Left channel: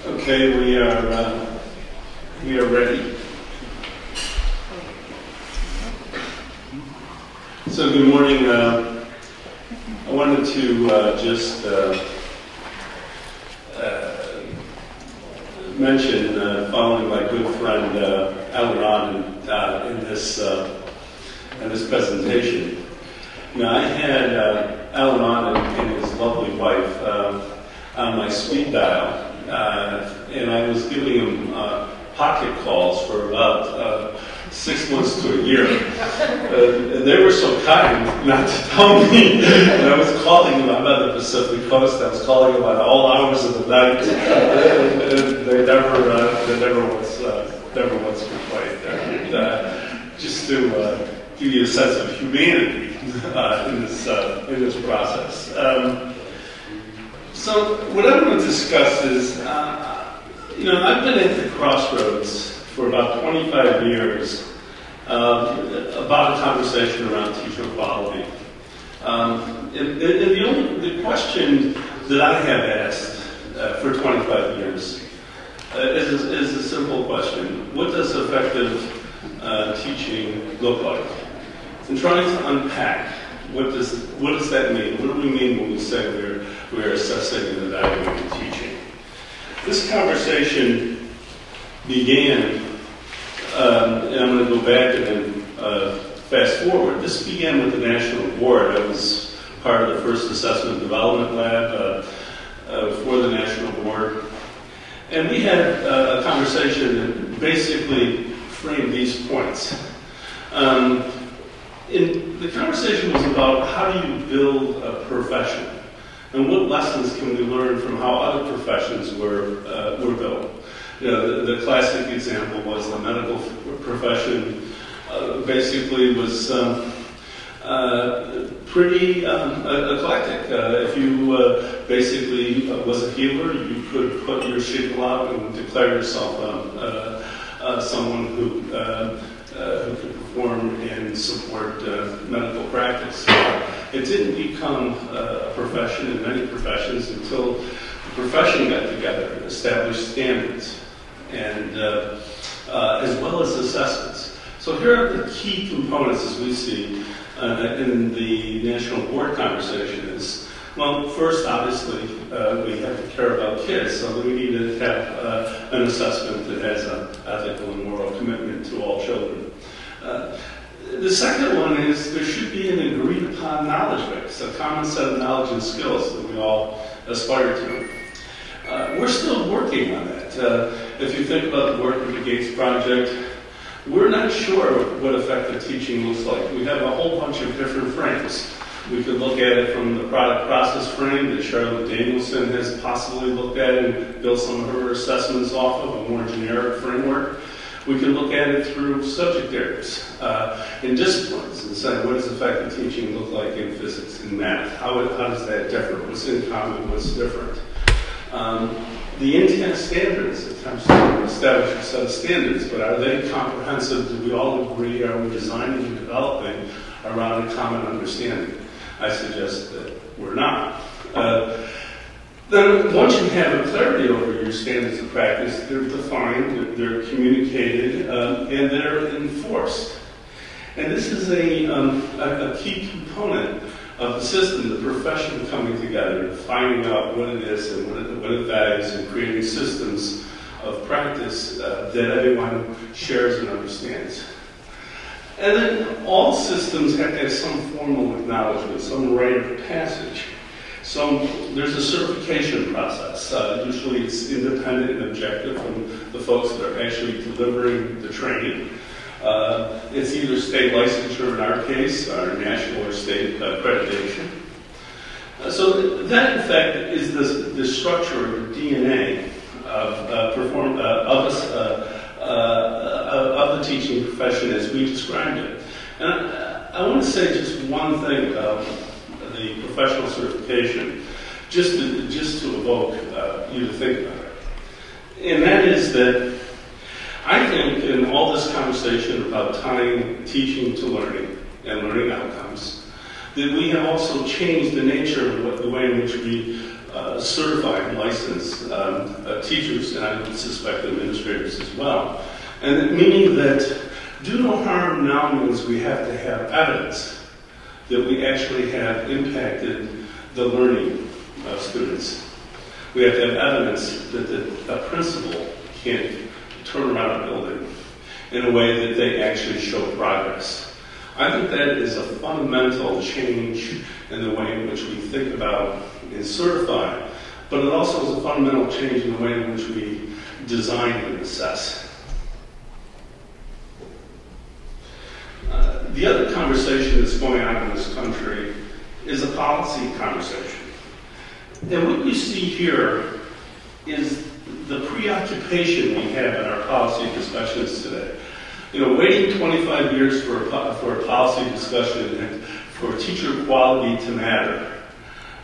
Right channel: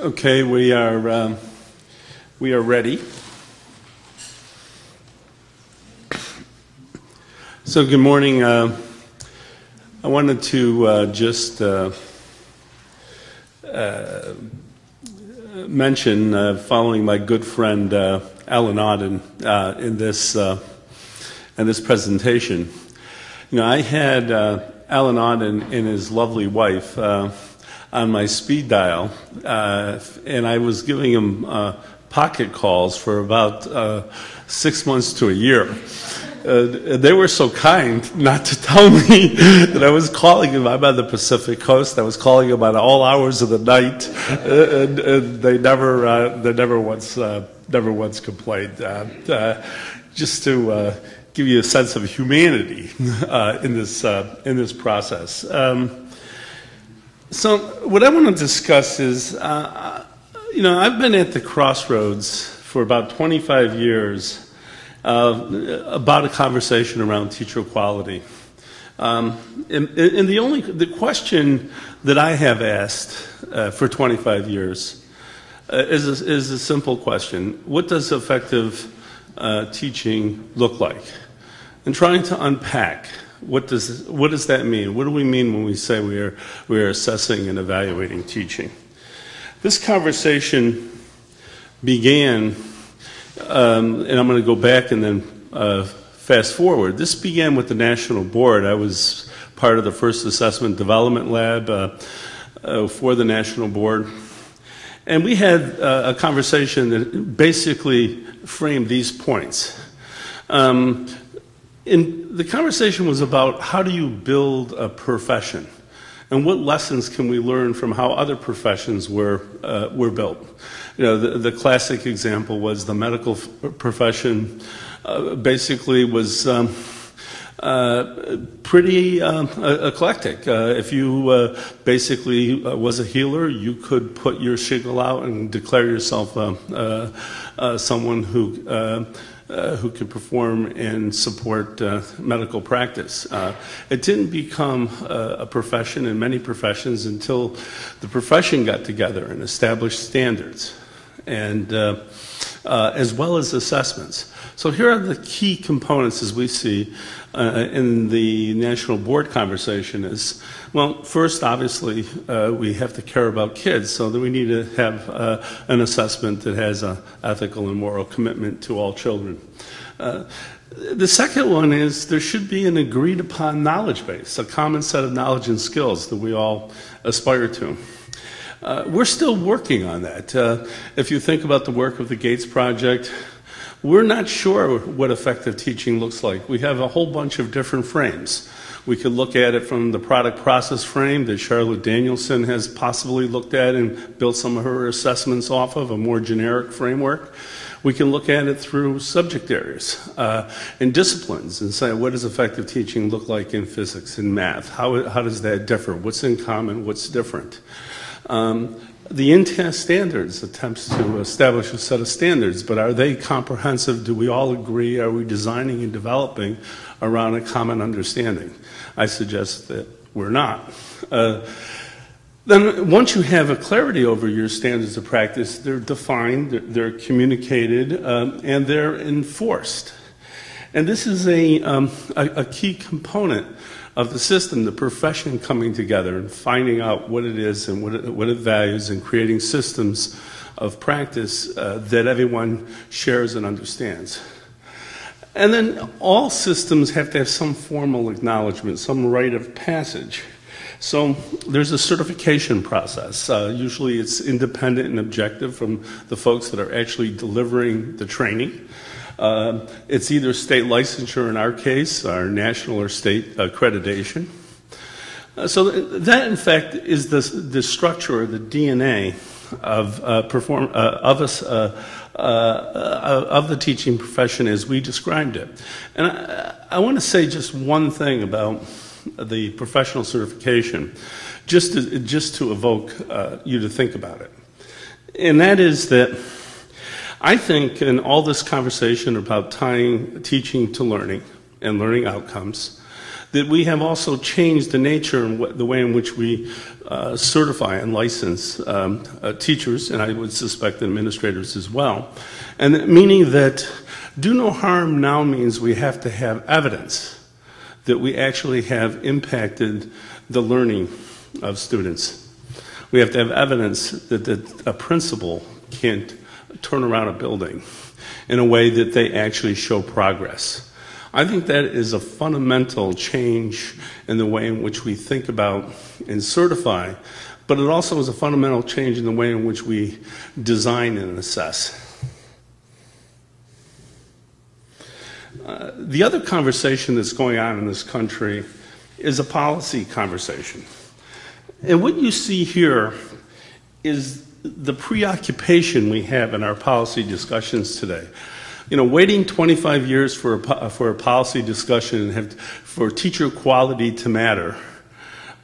Okay, we are ready. So good morning. I wanted to just mention, following my good friend Alan Auden in this presentation. You know, I had Alan Auden and his lovely wife on my speed dial, and I was giving him pocket calls for about 6 months to a year. They were so kind not to tell me that I was calling him. I'm on the Pacific Coast. I was calling him at all hours of the night, and they never once complained. Just to give you a sense of humanity in this process. So what I want to discuss is, you know, I've been at the crossroads for about 25 years about a conversation around teacher quality. And the question that I have asked for 25 years is a simple question. What does effective teaching look like? And trying to unpack what does that mean? What do we mean when we say we're assessing and evaluating teaching? This conversation began, and I'm going to go back and then fast forward. This began with the National Board. I was part of the first assessment development lab for the National Board. And we had a conversation that basically framed these points. And the conversation was about how do you build a profession, and what lessons can we learn from how other professions were built. You know, the classic example was the medical profession. Basically, was pretty eclectic. If you basically was a healer, you could put your shingle out and declare yourself someone who could perform and support medical practice. It didn't become a profession in many professions until the profession got together and established standards, and as well as assessments. So here are the key components as we see in the National Board conversation is, well, first, obviously, we have to care about kids, so that we need to have an assessment that has an ethical and moral commitment to all children. The second one is there should be an agreed upon knowledge base, a common set of knowledge and skills that we all aspire to. We're still working on that. If you think about the work of the Gates Project, we're not sure what effective teaching looks like. We have a whole bunch of different frames. We could look at it from the product process frame that Charlotte Danielson has possibly looked at and built some of her assessments off of, a more generic framework. We can look at it through subject areas and disciplines and say, what does effective teaching look like in physics and math? How does that differ? What's in common? What's different? The INTAS standards attempts to establish a set of standards, but are they comprehensive? Do we all agree? Are we designing and developing around a common understanding? I suggest that we're not. Then once you have a clarity over your standards of practice, they're defined, they're communicated, and they're enforced. And this is a key component of the system, the profession coming together and finding out what it is and what it values, and creating systems of practice that everyone shares and understands. And then all systems have to have some formal acknowledgement, some rite of passage. So there's a certification process. Usually it's independent and objective from the folks that are actually delivering the training. It's either state licensure in our case, or national or state accreditation. So that, in fact, is the structure or the DNA of the teaching profession as we described it. And I want to say just one thing about the professional certification, just to evoke you to think about it. And that is that I think in all this conversation about tying teaching to learning and learning outcomes, that we have also changed the nature of the way in which we certify and license teachers, and I would suspect administrators as well. And meaning that do no harm now means we have to have evidence that we actually have impacted the learning of students. We have to have evidence that a principal can't turn around a building in a way that they actually show progress. I think that is a fundamental change in the way in which we think about and certify, but it also is a fundamental change in the way in which we design and assess. The other conversation that's going on in this country is a policy conversation. And what you see here is the preoccupation we have in our policy discussions today. You know, waiting 25 years for a policy discussion for teacher quality to matter.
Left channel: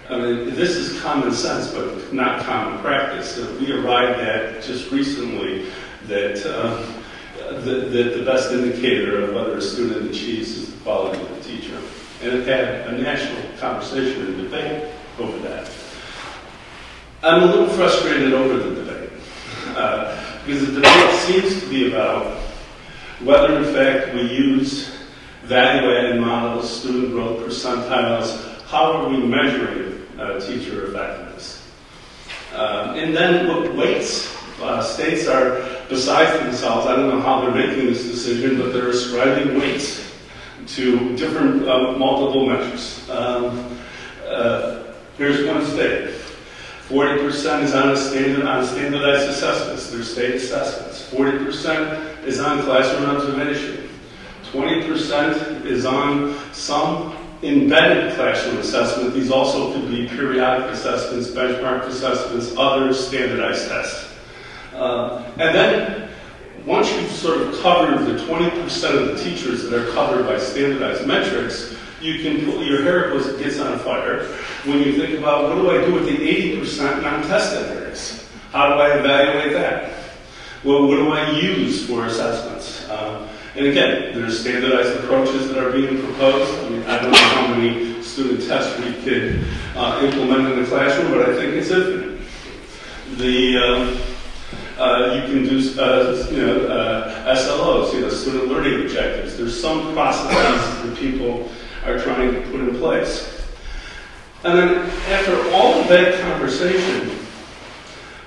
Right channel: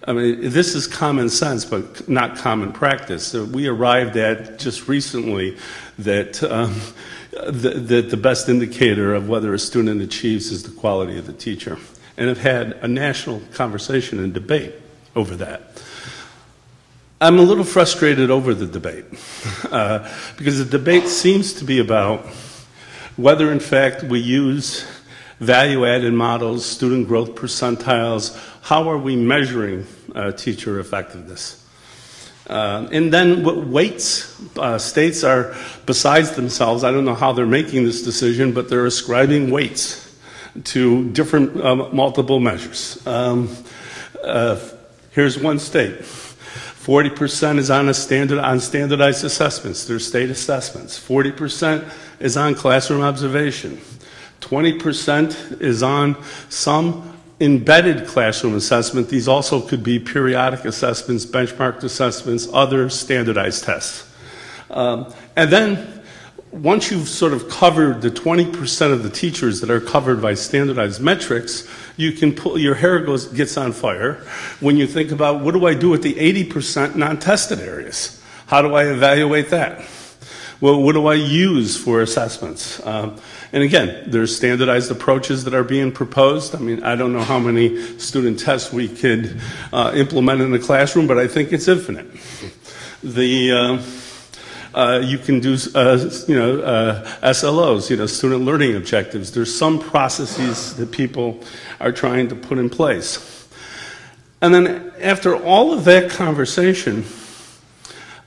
I mean, this is common sense, but not common practice. So we arrived at just recently that the best indicator of whether a student achieves is the quality of the teacher. And it had a national conversation and debate over that. I'm a little frustrated over the debate because the debate seems to be about whether in fact we use value-added models, student growth percentiles, how are we measuring teacher effectiveness? And then what weights states are besides themselves. I don't know how they're making this decision, but they're ascribing weights to different multiple measures. Here's one state. 40% is on standardized assessments. There's state assessments. 40% is on classroom observation. 20% is on some embedded classroom assessment. These also could be periodic assessments, benchmark assessments, other standardized tests. And then once you've sort of covered the 20% of the teachers that are covered by standardized metrics, you can pull, your hair gets on fire when you think about what do I do with the 80% non-tested areas? How do I evaluate that? Well, what do I use for assessments? And again, there's standardized approaches that are being proposed. I mean, I don't know how many student tests we could implement in the classroom, but I think it's infinite. You can do, SLOs, student learning objectives. There's some processes that people are trying to put in place. And then after all of that conversation,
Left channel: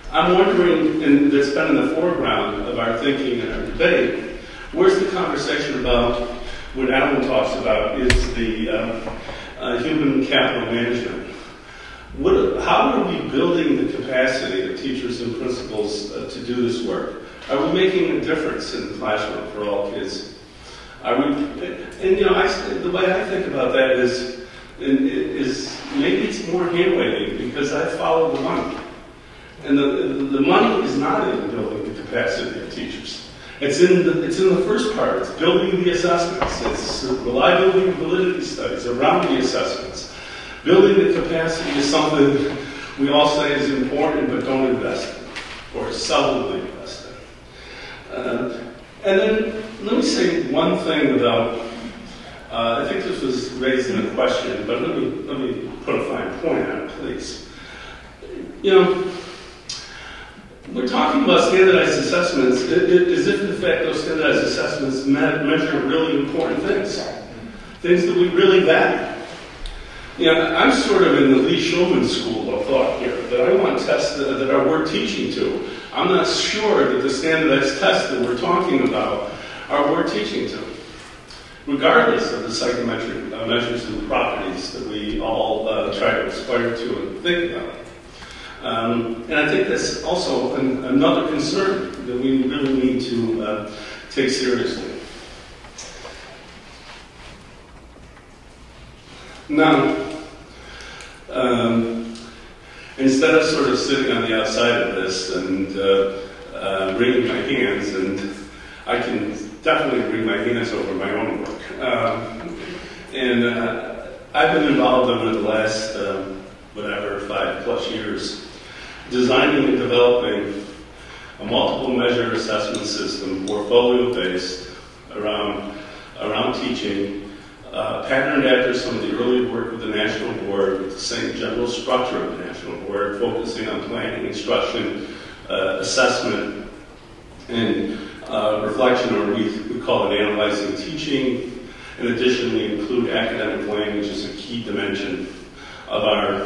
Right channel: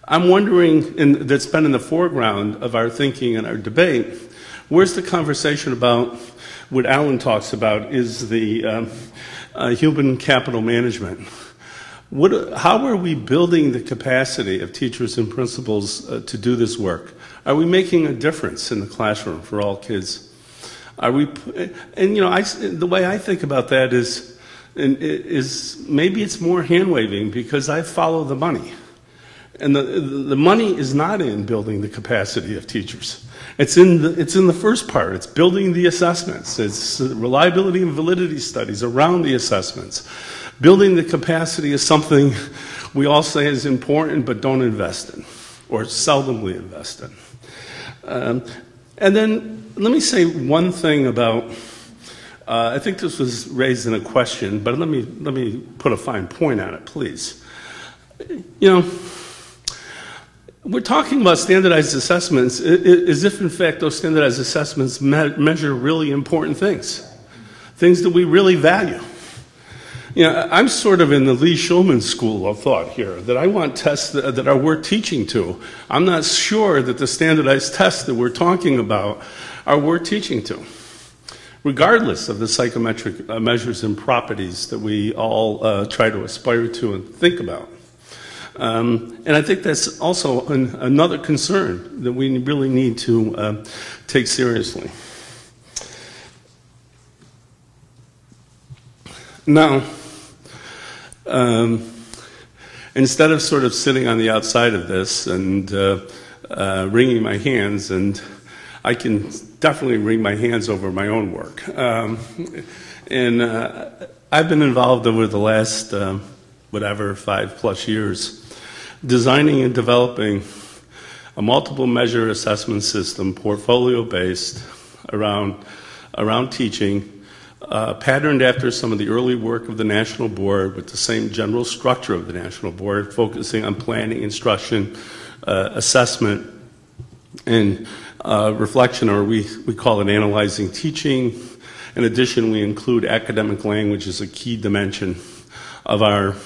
I'm wondering, and that's been in the foreground of our thinking and our debate, where's the conversation about what Alan talks about is the human capital management. How are we building the capacity of teachers and principals to do this work? Are we making a difference in the classroom for all kids? Are we? And the way I think about that is maybe it's more hand waving because I follow the money, and the money is not in building the capacity of teachers. It's in the first part. It's building the assessments. It's reliability and validity studies around the assessments. Building the capacity is something we all say is important but don't invest in or seldomly invest in. And then let me say one thing about, I think this was raised in a question, but let me put a fine point on it, please. We're talking about standardized assessments as if, in fact, those standardized assessments measure really important things that we really value. I'm sort of in the Lee Shulman school of thought here, that I want tests that are worth teaching to. I'm not sure that the standardized tests that we're talking about are worth teaching to, regardless of the psychometric measures and properties that we all try to aspire to and think about. And I think that's also another concern that we really need to take seriously. Now, instead of sort of sitting on the outside of this and wringing my hands, and I can definitely wring my hands over my own work. And I've been involved over the last, 5+ years, designing and developing a multiple measure assessment system, portfolio-based, around teaching, patterned after some of the early work of the National Board with the same general structure of the National Board, focusing on planning, instruction, assessment, and reflection, or we call it analyzing teaching. In addition, we include academic language as a key dimension of our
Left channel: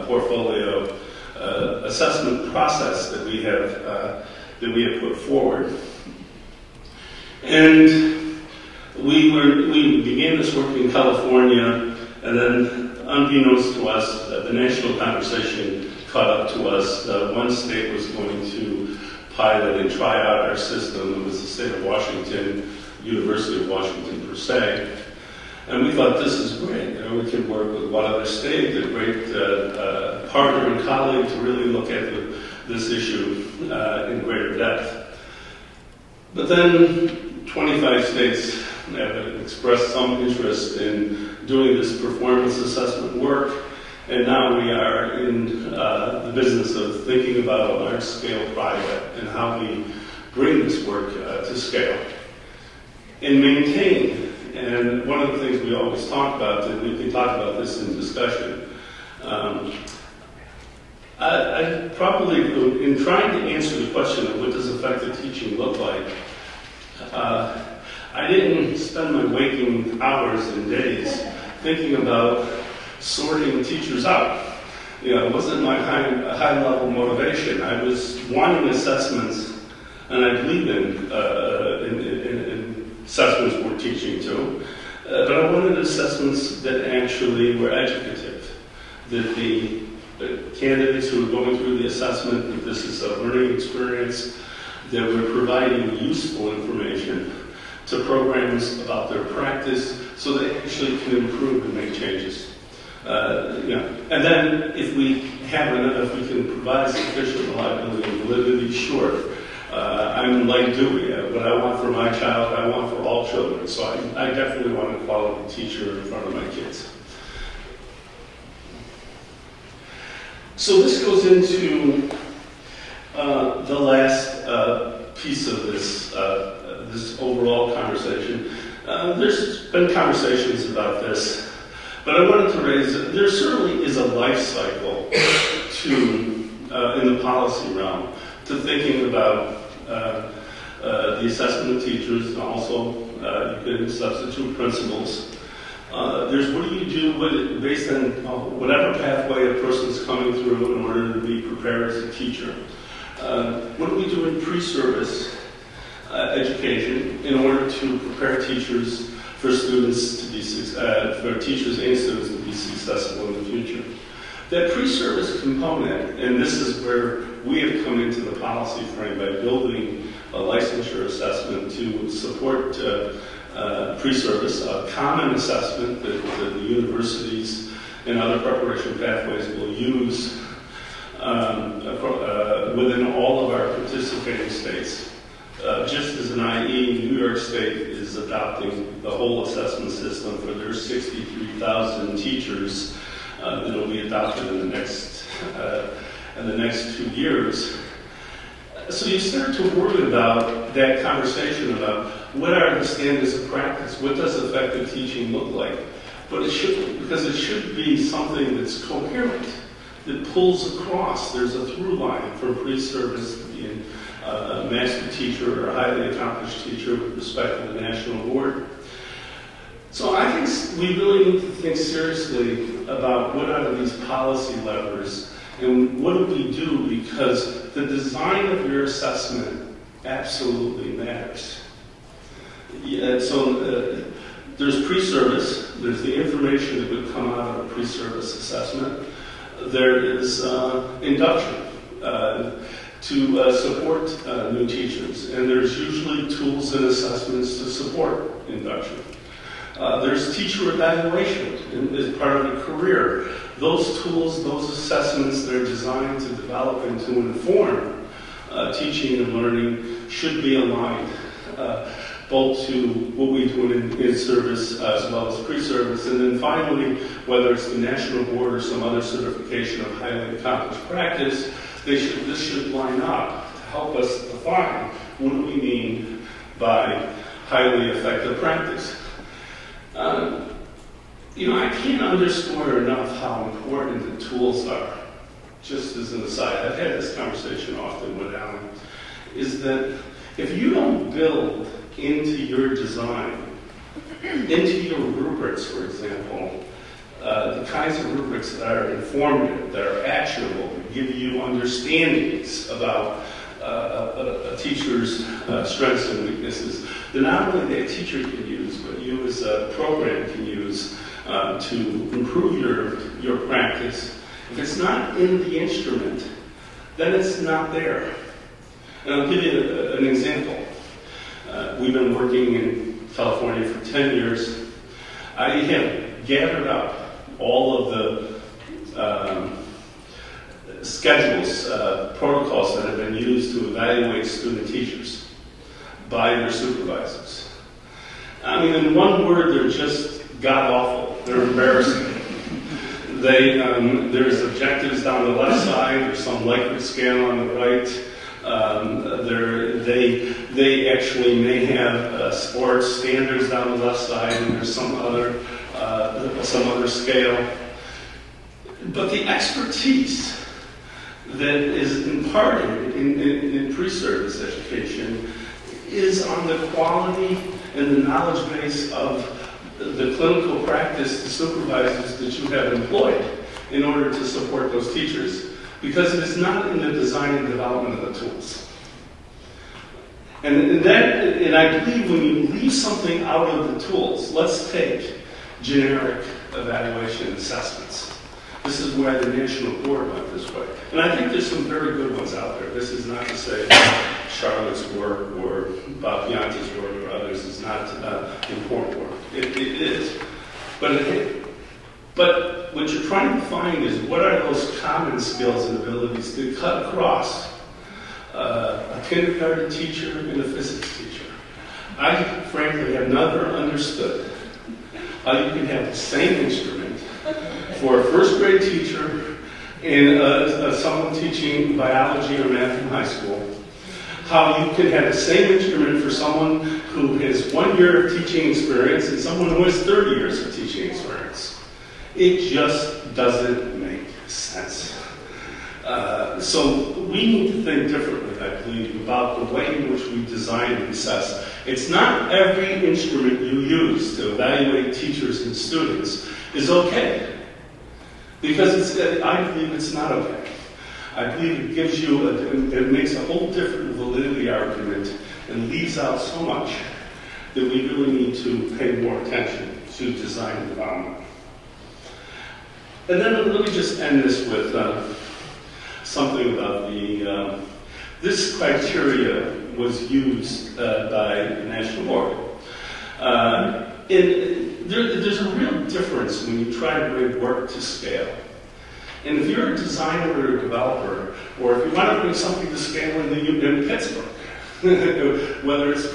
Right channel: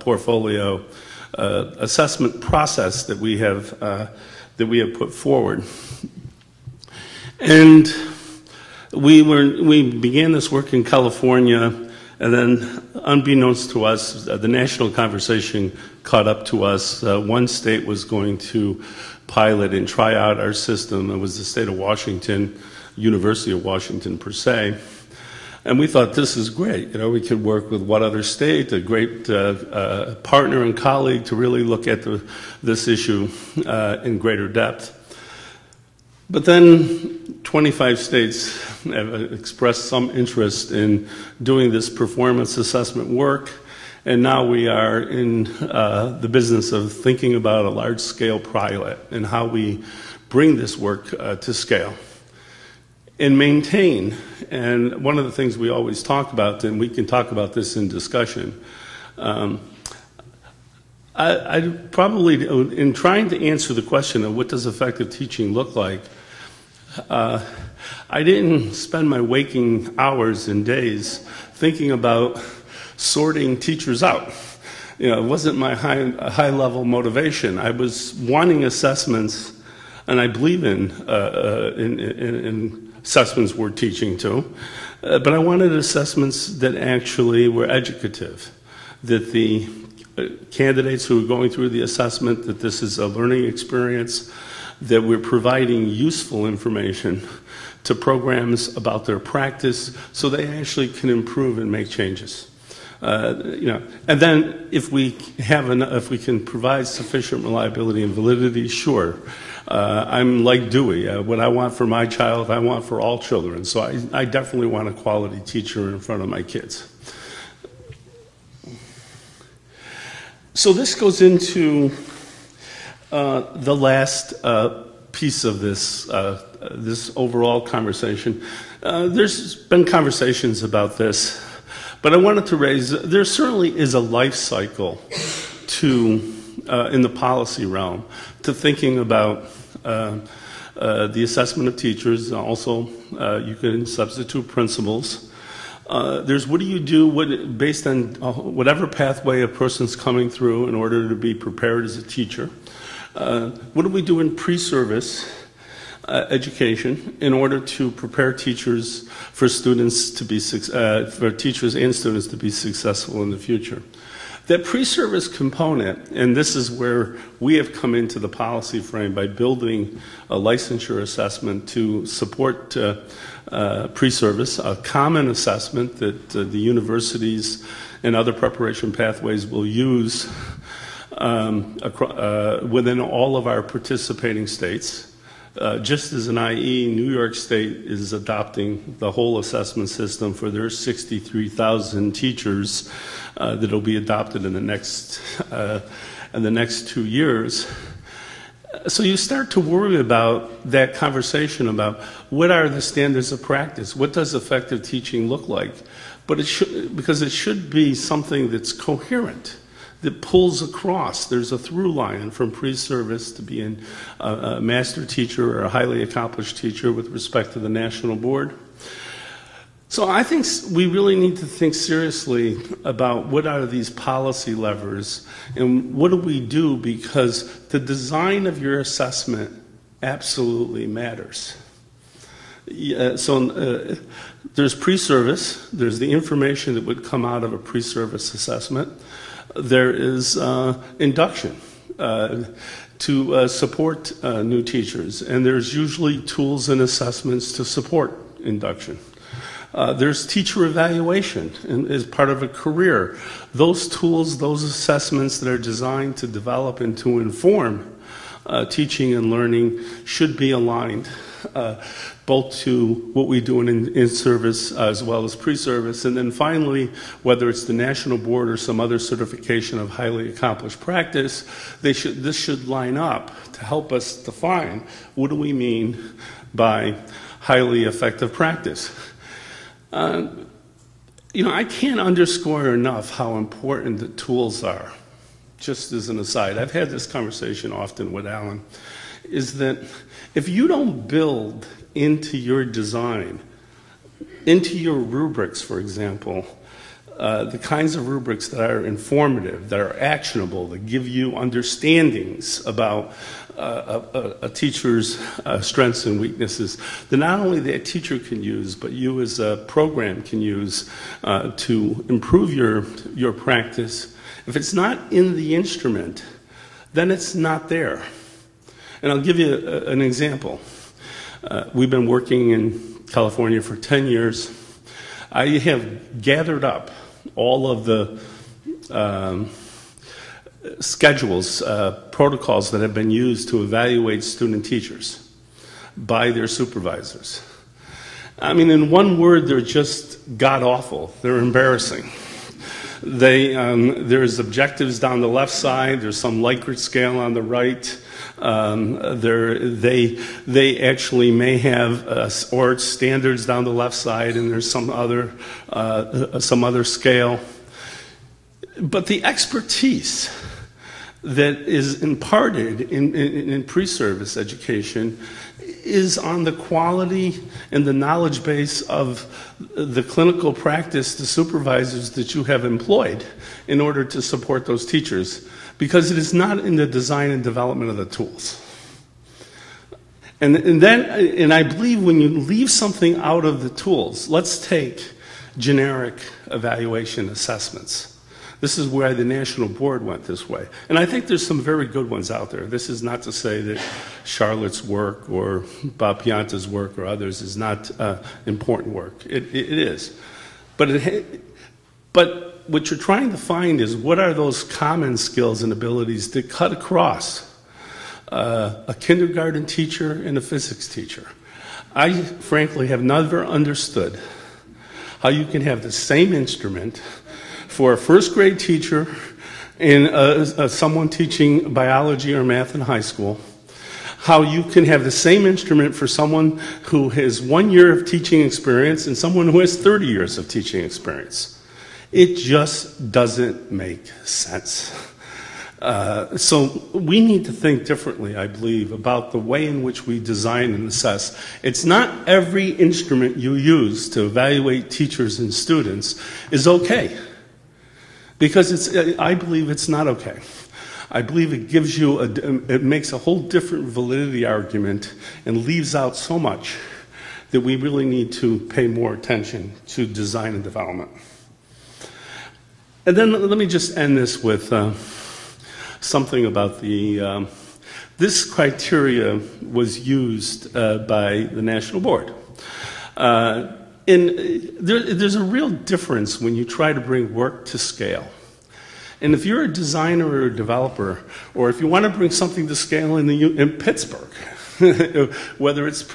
portfolio assessment process that we have put forward. And we began this work in California, and then unbeknownst to us, the national conversation caught up to us. One state was going to pilot and try out our system. It was the state of Washington, University of Washington per se. And we thought, this is great. You know, we could work with what other state, a great partner and colleague to really look at this issue in greater depth. But then 25 states expressed some interest in doing this performance assessment work. And now we are in the business of thinking about a large-scale pilot and how we bring this work to scale and maintain. And one of the things we always talk about, and we can talk about this in discussion, I probably, in trying to answer the question of what does effective teaching look like, I didn't spend my waking hours and days thinking about sorting teachers out. You know, it wasn't my high-level motivation. I was wanting assessments, and I believe in assessments we're teaching to, but I wanted assessments that actually were educative, that the candidates who are going through the assessment, that this is a learning experience, that we're providing useful information to programs about their practice so they actually can improve and make changes. And then if we can provide sufficient reliability and validity, sure. I'm like Dewey. What I want for my child, I want for all children. So I definitely want a quality teacher in front of my kids. So this goes into the last piece of this overall conversation. There's been conversations about this, but I wanted to raise, there certainly is a life cycle in the policy realm to thinking about the assessment of teachers. Also, you can substitute principals. There's what do you do based on whatever pathway a person's coming through in order to be prepared as a teacher. What do we do in pre-service education in order to prepare teachers for students to be for teachers and students to be successful in the future? That pre-service component, and this is where we have come into the policy frame by building a licensure assessment to support pre-service, a common assessment that the universities and other preparation pathways will use within all of our participating states. Just as an IE, New York State is adopting the whole assessment system for their 63,000 teachers that will be adopted in the next 2 years. So you start to worry about that conversation about what are the standards of practice, what does effective teaching look like, but because it should be something that's coherent, that pulls across. There's a through line from pre-service to being a master teacher or a highly accomplished teacher with respect to the national board. So I think we really need to think seriously about what are these policy levers and what do we do, because the design of your assessment absolutely matters. There's pre-service, there's the information that would come out of a pre-service assessment. There is induction to support new teachers, and there's usually tools and assessments to support induction. There's teacher evaluation as part of a career. Those tools, those assessments that are designed to develop and to inform teaching and learning should be aligned both to what we do in service as well as pre-service. And then finally, whether it's the national board or some other certification of highly accomplished practice, this should line up to help us define what do we mean by highly effective practice. You know, I can't underscore enough how important the tools are. Just as an aside, I've had this conversation often with Alan, is that if you don't build into your design, into your rubrics, for example, the kinds of rubrics that are informative, that are actionable, that give you understandings about a teacher's strengths and weaknesses, that not only that teacher can use, but you as a program can use to improve your practice. If it's not in the instrument, then it's not there. And I'll give you an example. We've been working in California for 10 years. I have gathered up all of the schedules, protocols that have been used to evaluate student teachers by their supervisors. I mean, in one word, they're just god-awful. They're embarrassing. There's objectives down the left side. There's some Likert scale on the right. They actually may have or standards down the left side, and there's some other scale. But the expertise that is imparted in pre-service education is on the quality and the knowledge base of the clinical practice, the supervisors that you have employed in order to support those teachers, because it is not in the design and development of the tools. And I believe when you leave something out of the tools, let's take generic evaluation assessments. This is where the national board went this way. And I think there's some very good ones out there. This is not to say that Charlotte's work or Bob Pianta's work or others is not important work. It is. But what you're trying to find is what are those common skills and abilities that cut across a kindergarten teacher and a physics teacher. I frankly have never understood how you can have the same instrument for a first grade teacher and someone teaching biology or math in high school, how you can have the same instrument for someone who has 1 year of teaching experience and someone who has 30 years of teaching experience. It just doesn't make sense. So we need to think differently, I believe, about the way in which we design and assess. It's not every instrument you use to evaluate teachers and students is okay. Because I believe it's not okay. I believe it gives you, it makes a whole different validity argument and leaves out so much that we really need to pay more attention to design and development. And then let me just end this with something about this criteria was used by the National Board. There's a real difference when you try to bring work to scale. And if you're a designer or a developer, or if you want to bring something to scale in Pittsburgh, whether it's a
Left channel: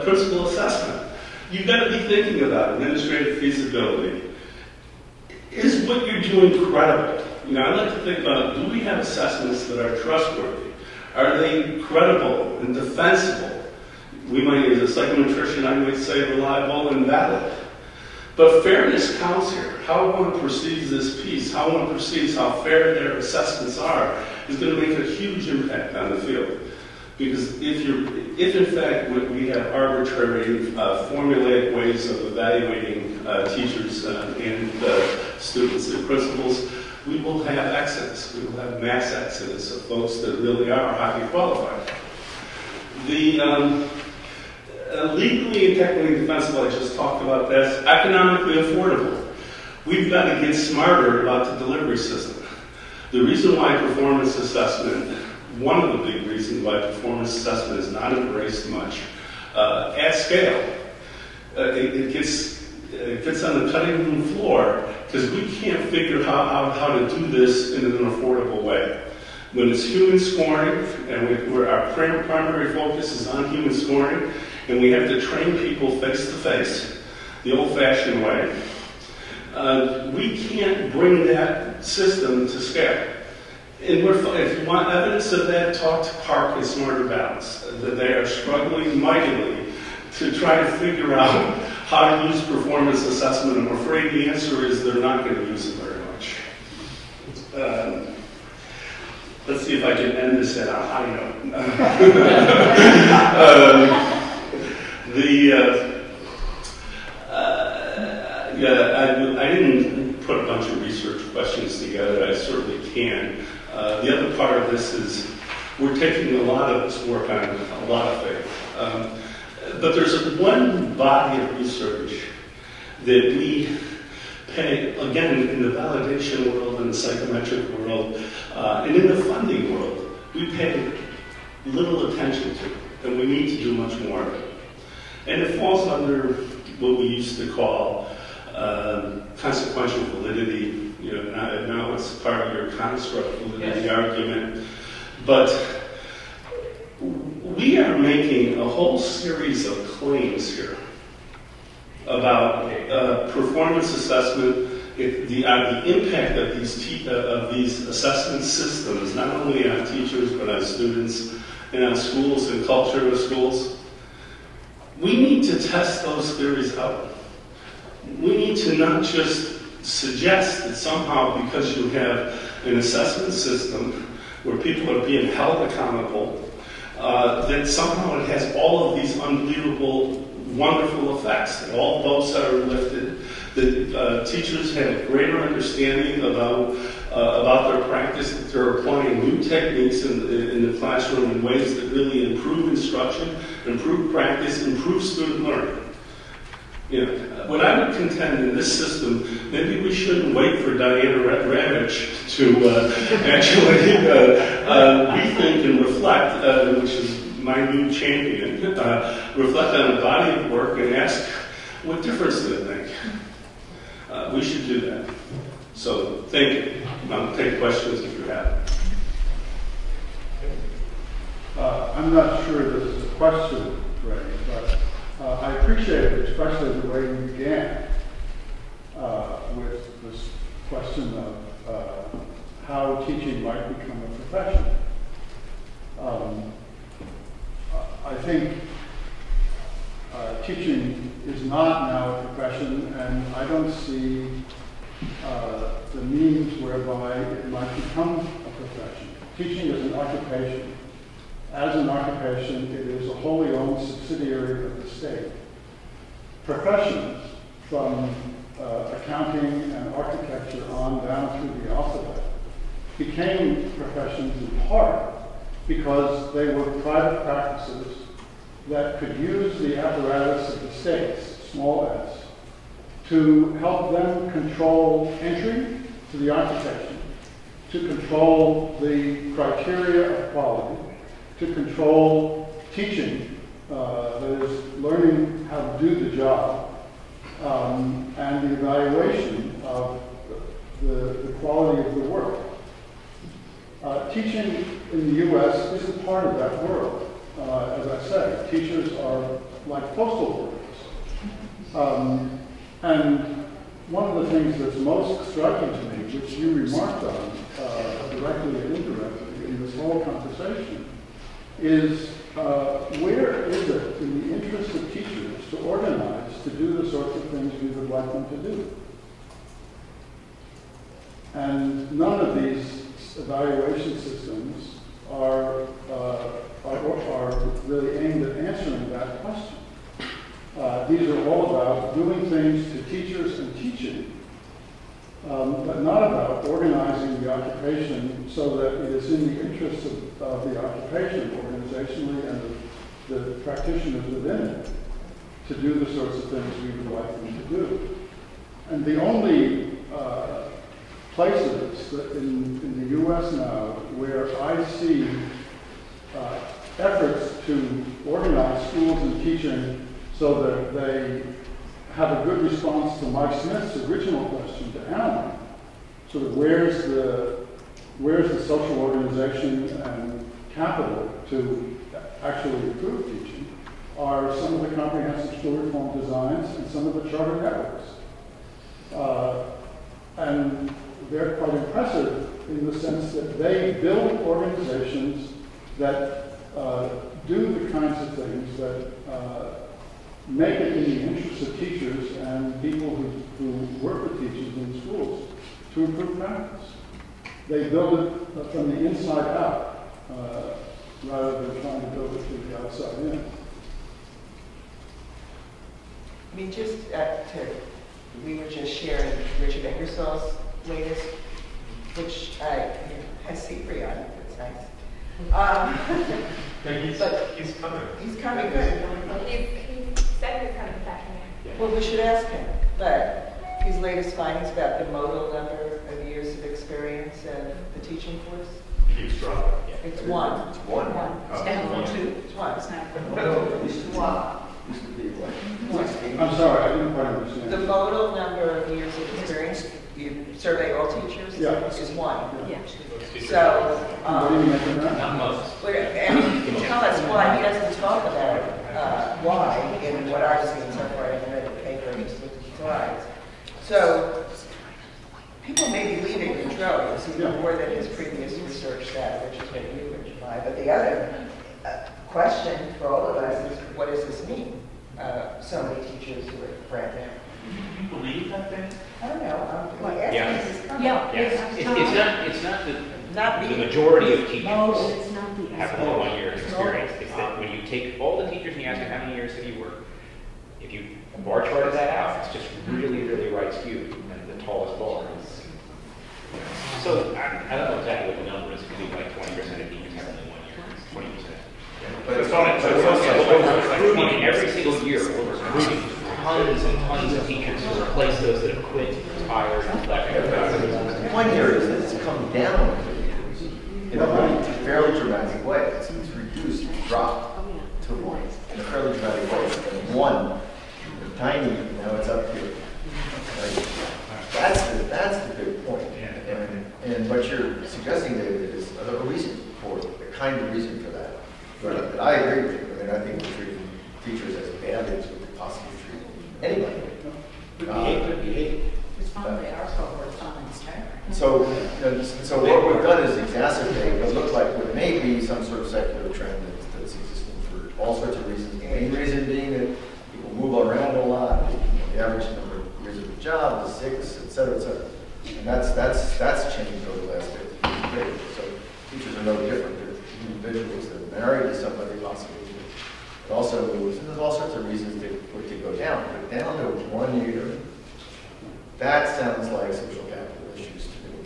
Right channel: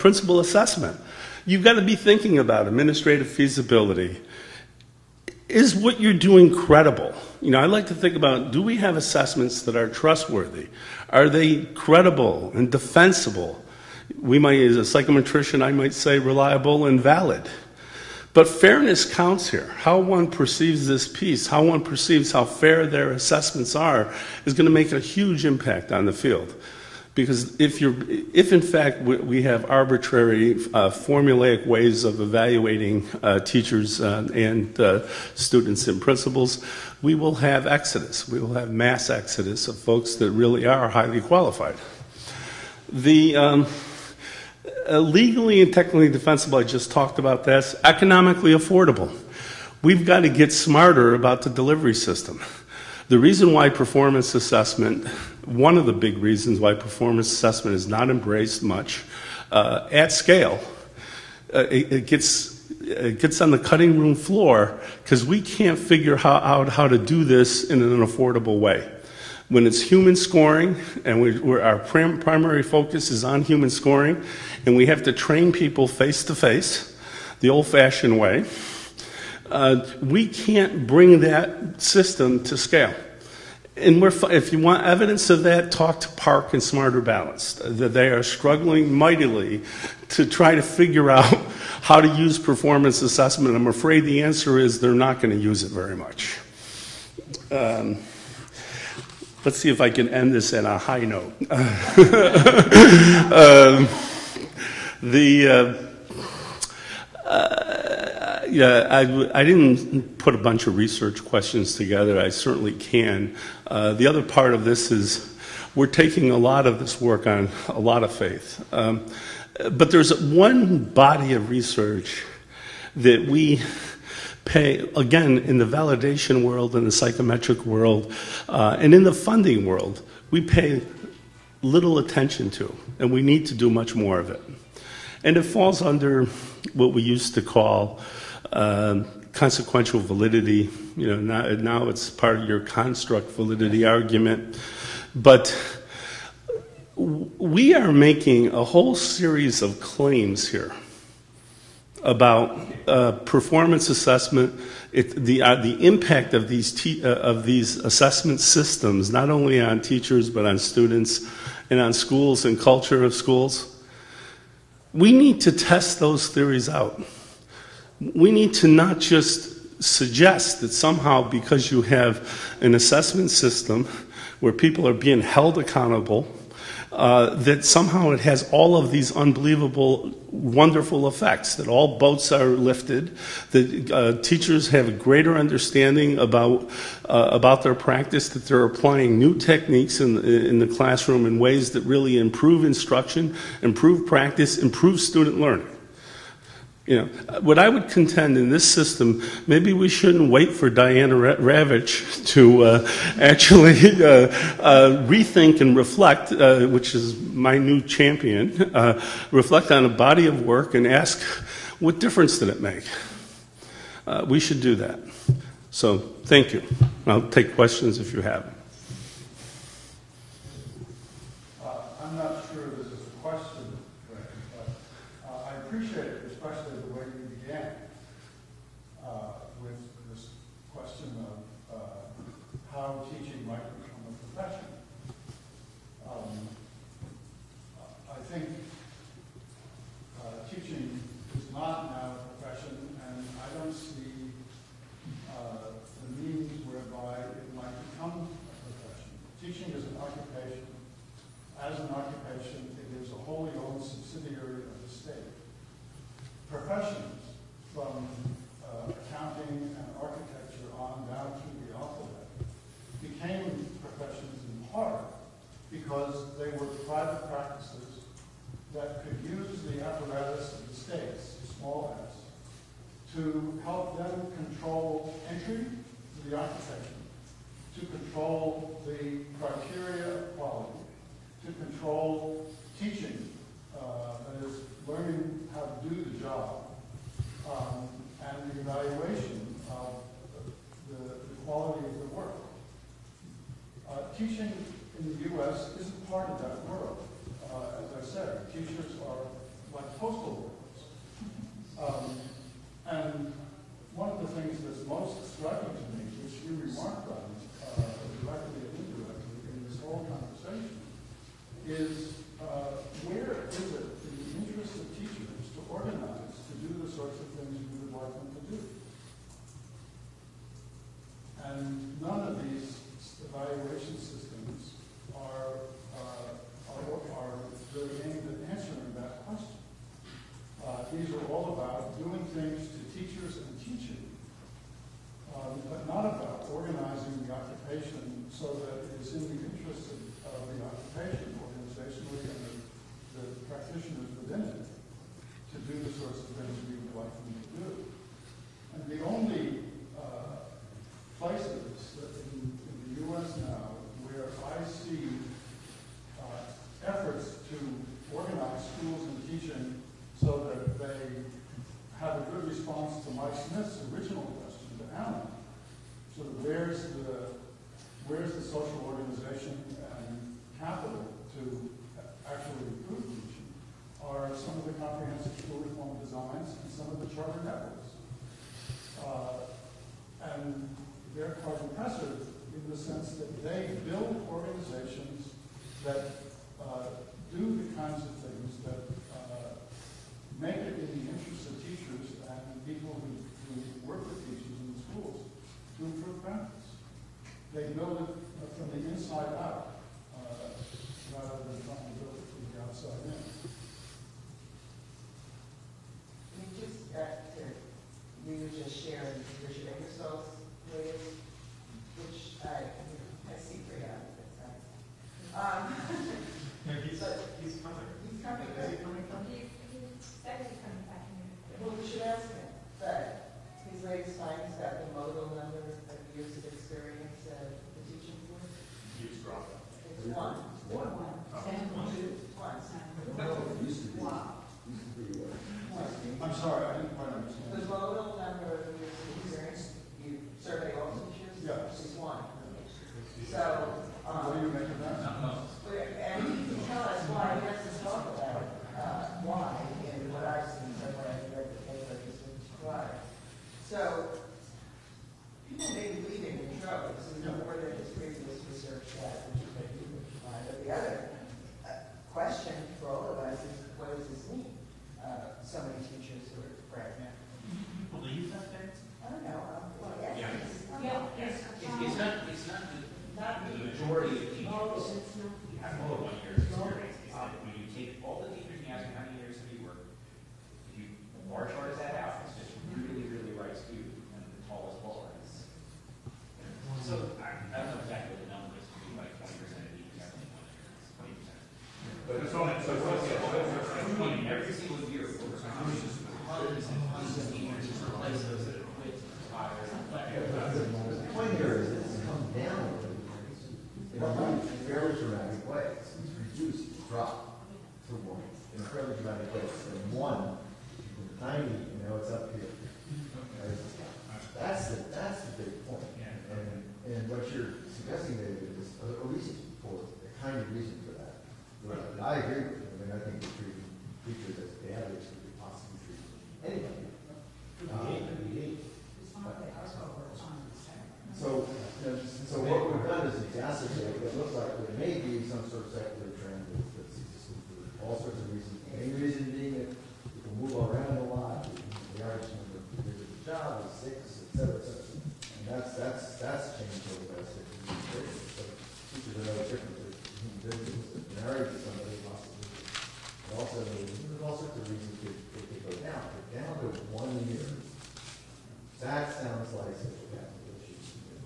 principal assessment, you've got to be thinking about administrative feasibility. Is what you're doing credible? You know, I like to think about, do we have assessments that are trustworthy? Are they credible and defensible? We might, as a psychometrician, I might say reliable and valid. But fairness counts here. How one perceives this piece, how one perceives how fair their assessments are, is going to make a huge impact on the field. Because if in fact we have arbitrary, formulaic ways of evaluating teachers and students and principals, we will have exodus. We will have mass exodus of folks that really are highly qualified. The legally and technically defensible, I just talked about this, economically affordable. We've got to get smarter about the delivery system. The reason why performance assessment, one of the big reasons why performance assessment is not embraced much at scale, it gets on the cutting room floor because we can't figure out how to do this in an affordable way. When it's human scoring, and our primary focus is on human scoring, and we have to train people face-to-face, the old-fashioned way, we can't bring that system to scale. And if you want evidence of that, talk to Park and Smarter Balance. That they are struggling mightily to try to figure out how to use performance assessment, I'm afraid the answer is they're not going to use it very much. Let's see if I can end this at a high note. I didn't put a bunch of research questions together. I certainly can. The other part of this is we're taking a lot of this work on a lot of faith. But there's one body of research that we pay, again, in the validation world, in the psychometric world, and in the funding world, we pay little attention to, and we need to do much more of it. And it falls under what we used to call consequential validity. You know, now it's part of your construct validity argument. But we are making a whole series of claims here about performance assessment, the impact of these assessment systems, not only on teachers but on students and on schools and culture of schools. We need to test those theories out. We need to not just suggest that somehow because you have an assessment system where people are being held accountable, that somehow it has all of these unbelievable, wonderful effects, that all boats are lifted, that teachers have a greater understanding about their practice, that they're applying new techniques in the classroom in ways that really improve instruction, improve practice, improve student learning. You know, what I would contend in this system, maybe we shouldn't wait for Diana Ravitch to actually rethink and reflect, which is my new champion, reflect on a body of work and ask, what difference did it make? We should do that. So, thank you. I'll take questions if you have. I'm not sure this is a question, Ray, but I appreciate it, especially the way you began with this question of how teaching might become a profession. I think teaching is not now a profession, and I don't see the means whereby it might become a profession. Teaching is an occupation. As an occupation, it is a wholly owned subsidiary of the state. Professions, from accounting and architecture on down through the alphabet, became professions in part because they were private practices that could use the apparatus of the states, small s, to help them control entry to the occupation, to control the criteria of quality, to control teaching, that is, learning how to do the job, and the evaluation of the quality of the work. Teaching in the U.S. isn't part of that world. As I say, teachers are like postal workers. And one of the things that's most striking to me, which you remarked on, directly and indirectly in this whole conversation, is where is it in the interest of teachers to organize to do the sorts of things we would like them to do? And none of these evaluation systems are really aimed at answering that question. These are all about doing things to teachers and teaching, but not about organizing the occupation so that it is in the interest of the occupation organizationally and the practitioners within it to do the sorts of things we would like them to do. And the only places that in the U.S. now where I see efforts to organize schools and teaching so that they have a good response to Mike Smith's original question to Alan, sort of where's the social organization and capital to actually improve teaching, are some of the comprehensive school reform designs and some of the charter networks. And they're quite impressive in the sense that they build organizations that do the kinds of things that make it in the interest of teachers and people who work with teachers in schools to improve practice. They build it from the inside out rather than trying to build it from the outside in. I mean, we were just sharing Richard Ingersoll's latest, which has CPRE on it. It's nice. But he's coming. He's coming. Good. He said he's coming back here. Well, we should ask him. But his latest findings about the modal number of years of experience and the teaching force. Keeps dropping. It's one. It's one. It's down from 2. It's 1. I'm sorry, I didn't quite understand. The modal number of years of experience, you survey all teachers, is 1. Yeah. So, What do you make of that? Not most. and he can tell us why. He doesn't talk about why in what I've seen so far. I haven't read the paper, I just looked at the slides. So, people may be leaving in droves, even more than his previous research said, which is maybe you would try. But the other question for all of us is, what does this mean? So many teachers who are brand new. You believe that then? I don't know. Yeah. It's not the majority of teachers have more than 1 year of experience. It's that when you take all the teachers and you ask them how many years have you worked, if you bar charted that out, it's just really, really right skewed and the tallest bar. So I don't know exactly what the number is. It could be like 20% of teachers have only 1 year. 20%. But it's on it. So it's we're recruiting every single year. We're recruiting tons and tons of teachers to replace those that have quit, retired, that kind of thing. 1 year is it's come down in a really fairly dramatic way. It's reduced, dropped to 1 in a fairly dramatic way. And 1, tiny, now it's up here. Right? That's the big point. And what you're suggesting, David, is a reason for the kind of reason for that. But I agree with you. I mean, I think we're treating teachers as badly as we could possibly treat anybody. Could be. It's fine, they are so-called comments, So what we've done is exacerbate what looks like what may be some sort of secular trend that's existing for all sorts of reasons. The main reason being that people move around a lot. The average number of years of a job is 6, et cetera, et cetera. And that's changed over the last 50 years. So teachers are no different. They're individuals that are married to somebody possibly. But also there's all sorts of reasons for it to go down. But down to 1 year, that sounds like social capital issues to me,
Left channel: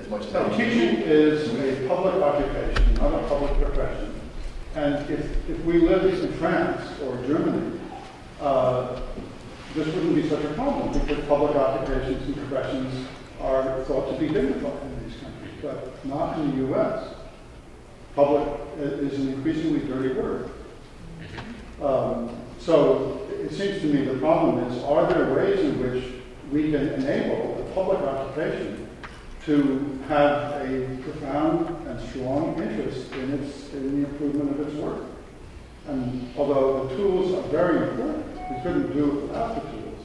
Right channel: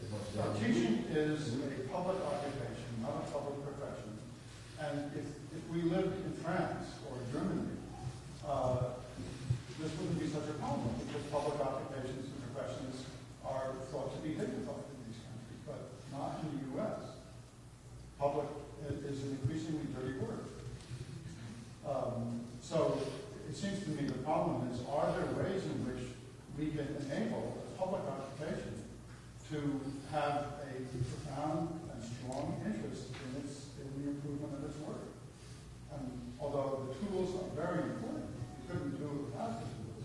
as much as So teaching is a public occupation, not a public profession. And if we lived in France or Germany, this wouldn't be such a problem because public occupations and professions are thought to be dignified in these countries, but not in the U.S. Public is an increasingly dirty word. So it seems to me the problem is, are there ways in which we can enable the public occupation to have a profound and strong interest in the improvement of its work? And although the tools are very important, we couldn't do it without the tools.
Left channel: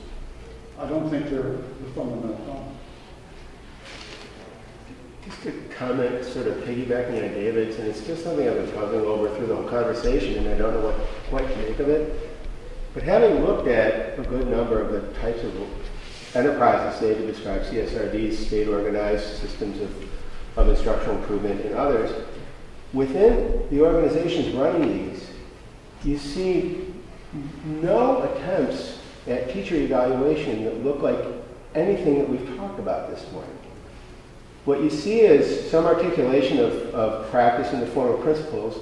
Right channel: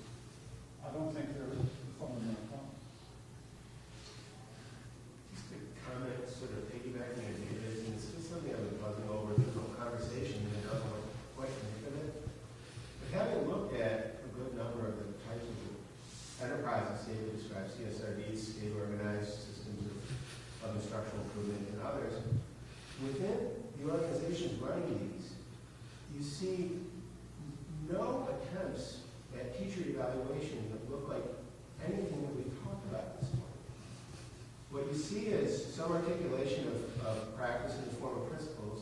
I don't think they're the fundamental problem. Just a comment, sort of piggybacking on David's, and it's just something I've been puzzling over through the whole conversation, and I don't know what quite to make of it. But having looked at a good number of the types of enterprises, say, to describe CSRDs, state-organized systems of instructional improvement, and others, within the organizations running these, you see no attempts at teacher evaluation that look like anything that we've talked about this morning. What you see is some articulation of practice in the form of principles,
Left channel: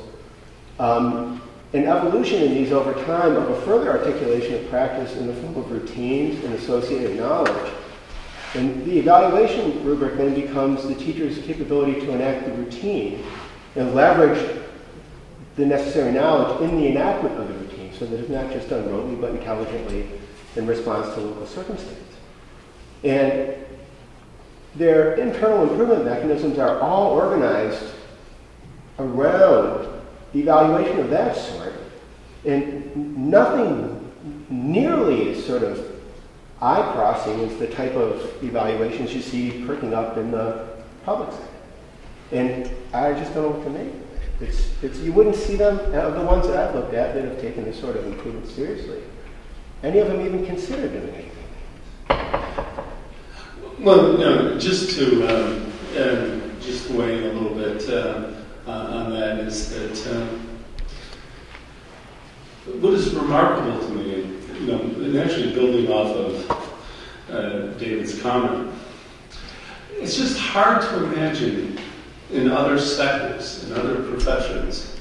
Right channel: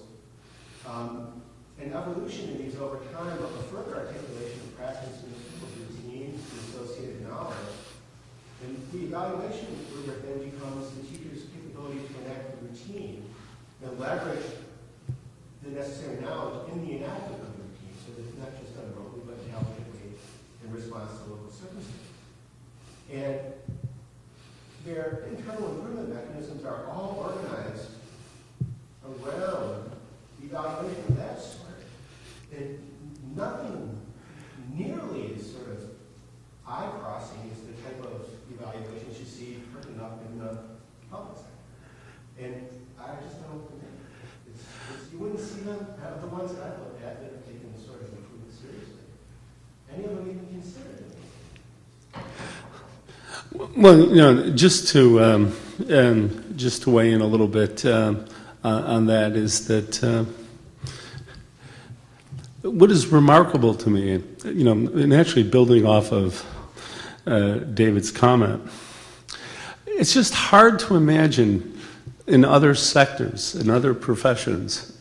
an evolution in these over time of a further articulation of practice in the form of routines and associated knowledge. And the evaluation rubric then becomes the teacher's capability to enact the routine and leverage the necessary knowledge in the enactment of the routine so that it's not just done rotely but intelligently in response to local circumstances. And their internal improvement mechanisms are all organized around evaluation of that sort, and nothing nearly as sort of eye-crossing as the type of evaluations you see perking up in the public sector. And I just don't know what to make. You wouldn't see them, the ones that I've looked at that have taken this sort of improvement seriously. any of them even consider doing anything? Well, you know, just to weigh in a little bit on that is that what is remarkable to me, you know, and actually building off of David's comment, it's just hard to imagine in other sectors, in other professions,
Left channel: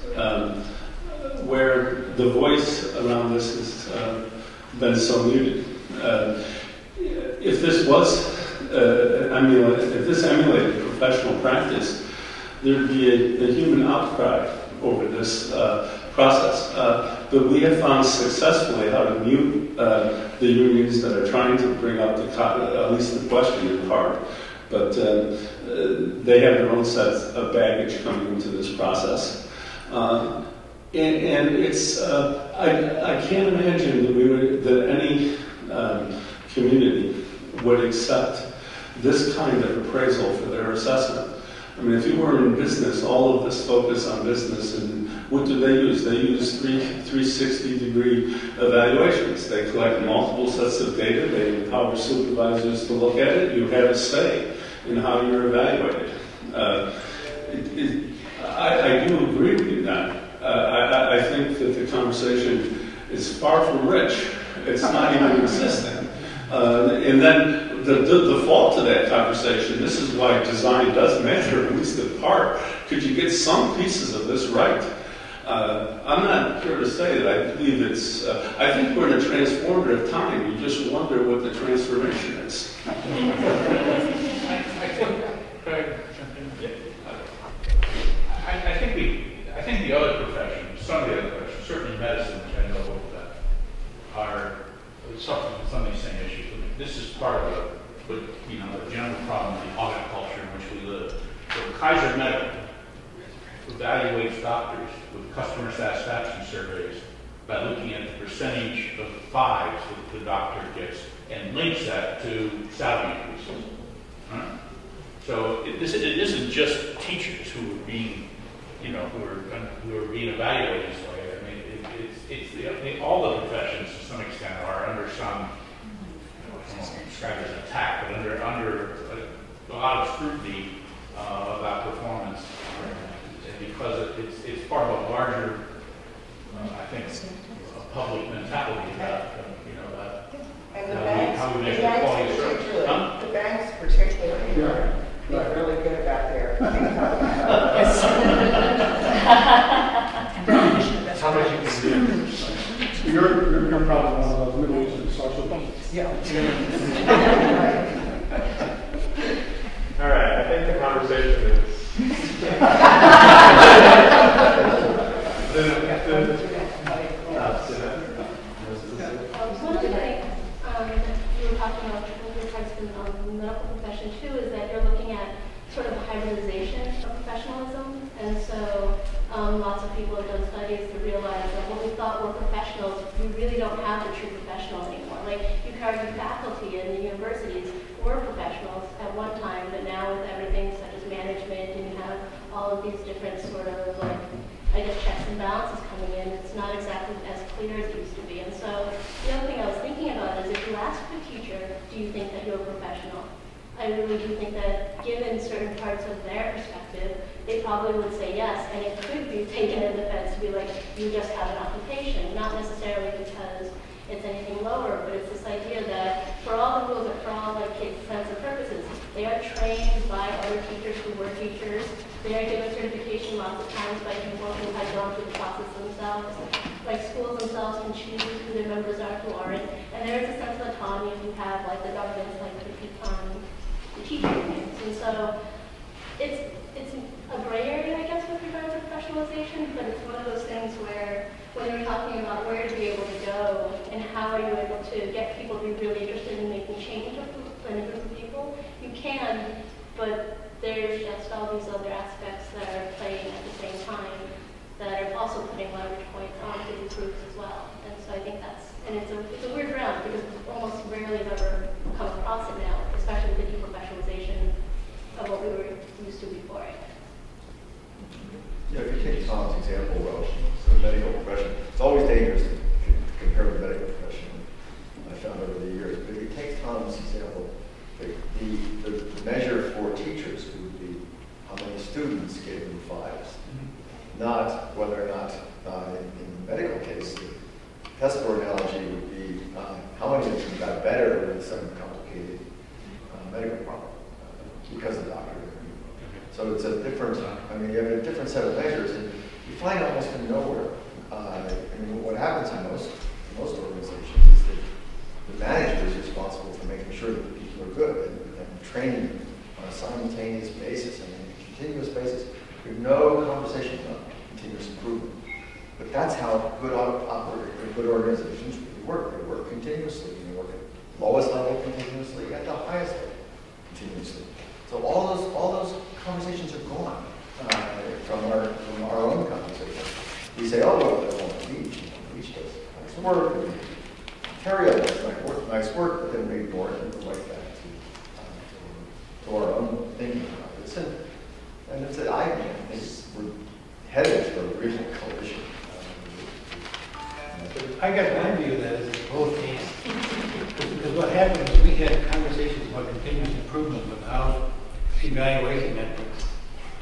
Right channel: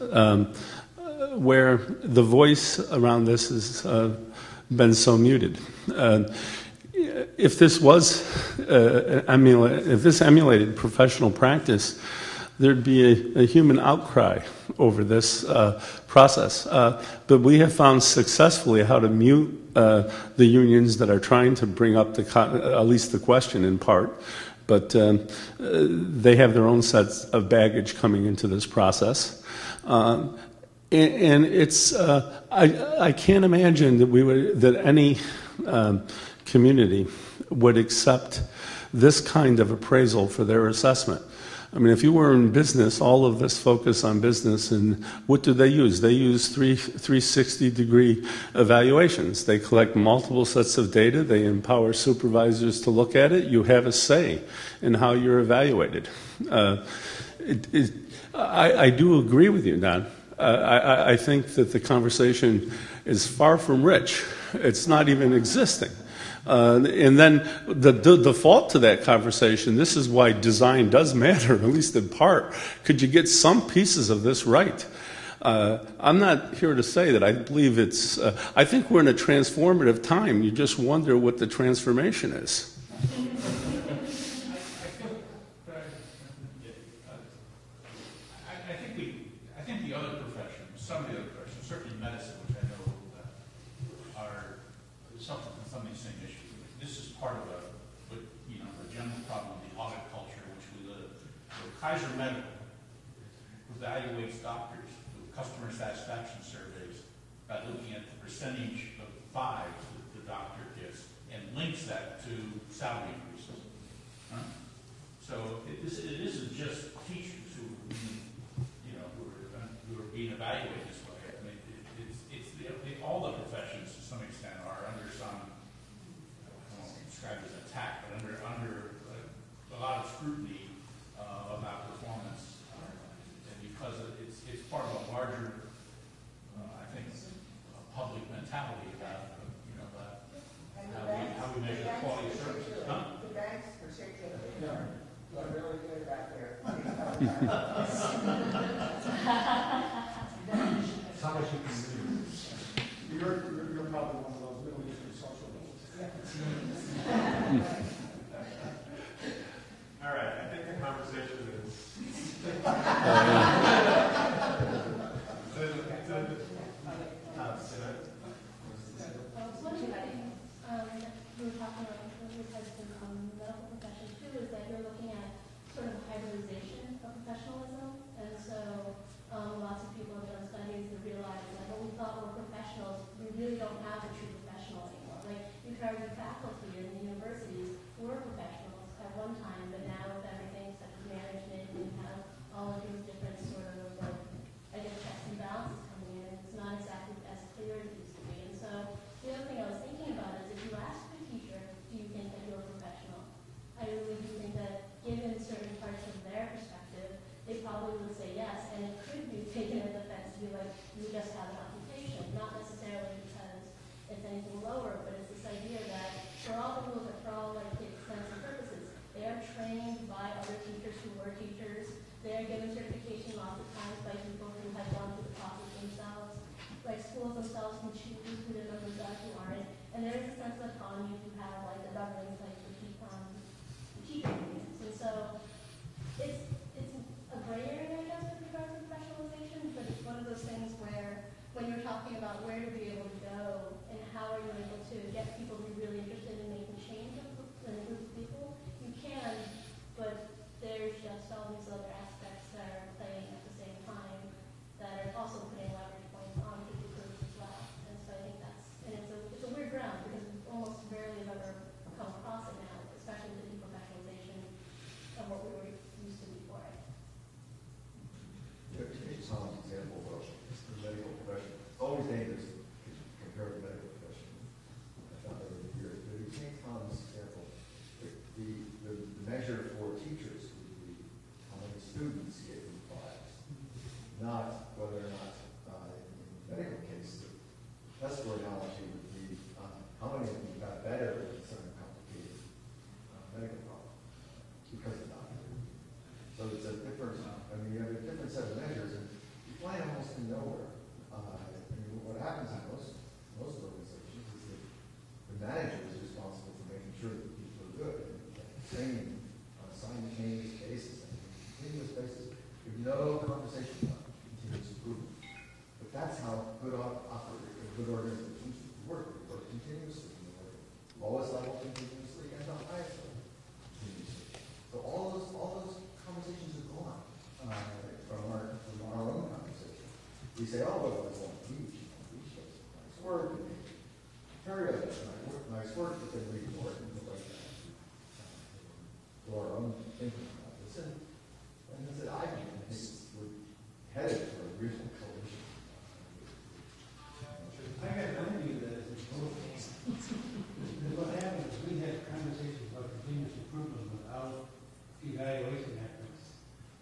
where the voice around this has been so muted. If this was if this emulated professional practice, there'd be a human outcry over this process. But we have found successfully how to mute the unions that are trying to bring up at least the question in part. But they have their own sets of baggage coming into this process. And it's, I can't imagine that any community would accept this kind of appraisal for their assessment. I mean, if you were in business, all of this focus on business, and what do they use? They use 360-degree evaluations. They collect multiple sets of data. They empower supervisors to look at it. You have a say in how you're evaluated. I do agree with you now. I think that the conversation is far from rich. It's not even existing. And then the default to that conversation, this is why design does matter, at least in part. Could you get some pieces of this right? I'm not here to say that I believe it's, I think we're in a transformative time. You just wonder what the transformation is. I think the other professions, some of the other professions, certainly medicine, which I know are suffering from some of these same issues. This is part of the general problem of the audit culture in which we live. So Kaiser Medical evaluates doctors with customer satisfaction surveys by looking at the percentage of fives that the doctor gets and links that to salary increases. Right? So it isn't just teachers who are being, who are being evaluated this way. I mean, all the professions to some extent are under some, I don't know if describe it as attack, but under a lot of scrutiny about performance, because it's part of a larger, I think, a public mentality about, and the banks, how we measure quality of service. The banks particularly are really good about their How much you can do. You're probably one of those Middle Eastern social things. Yeah. All right, I think the conversation is. One of the things you were talking about with regards to the medical profession too is that you're looking at sort of hybridization of professionalism, and so lots of people have done studies to realize that what we thought were professionals, we really don't have the true professional anymore. Like, you could argue faculty in the universities were professionals at one time, but now with everything such as management, and you have all of these different sort of, like, I guess, checks and balances coming in, it's not exactly as clear as it used to be. And so the other thing I was thinking about is if you ask a teacher, do you think that you're a professional? I really do think that given certain parts of their perspective, they probably would say yes, and it could be taken as offense to be like, you just have an occupation, not necessarily because it's anything lower, but it's this idea that for all the rules and for all like intents and purposes, they are trained by other teachers who were teachers. They are given certification lots of times by people who have gone through the process themselves. Like, schools themselves can choose who their members are, who aren't, and there is a sense of autonomy if you have like the governance, like the teacher unions. And so it's a gray area, I guess, with regards to professionalization, but it's one of those things where when you're talking about where to be able to go and how are you able to get people to be really interested in making change in a group of people, you can, but there's just all these other aspects that are playing at the same time that are also putting leverage points onto these groups as well. And so I think that's, and it's a weird ground because we almost rarely have ever come across it now, especially with the deprofessionalization of what we were used to before. Yeah, if you take Tom's example of the medical profession, it's always dangerous to compare the medical profession. not whether or not, in the medical case, the testboard analogy would be how many of them got better with some complicated medical problem because of the doctor. So it's a different, I mean, you have a different set of measures, and you find almost from nowhere. I mean, what happens in most organizations is that the manager is responsible for making sure that the people are good and training them on a simultaneous basis and a continuous basis. There's no conversation about continuous improvement. But that's how good organizations really work. They work continuously. They work at the lowest level continuously, at the highest level continuously. So all those conversations are gone from our own conversation. We say, oh, well, they're on the beach. The beach does nice work. Ontario does nice work, but then we ignore it and go right back to our own thinking about this. And it's I think we're headed for a real coalition. I got one view of that is it's both and. Because what happened is we had conversations about continuous improvement without evaluation metrics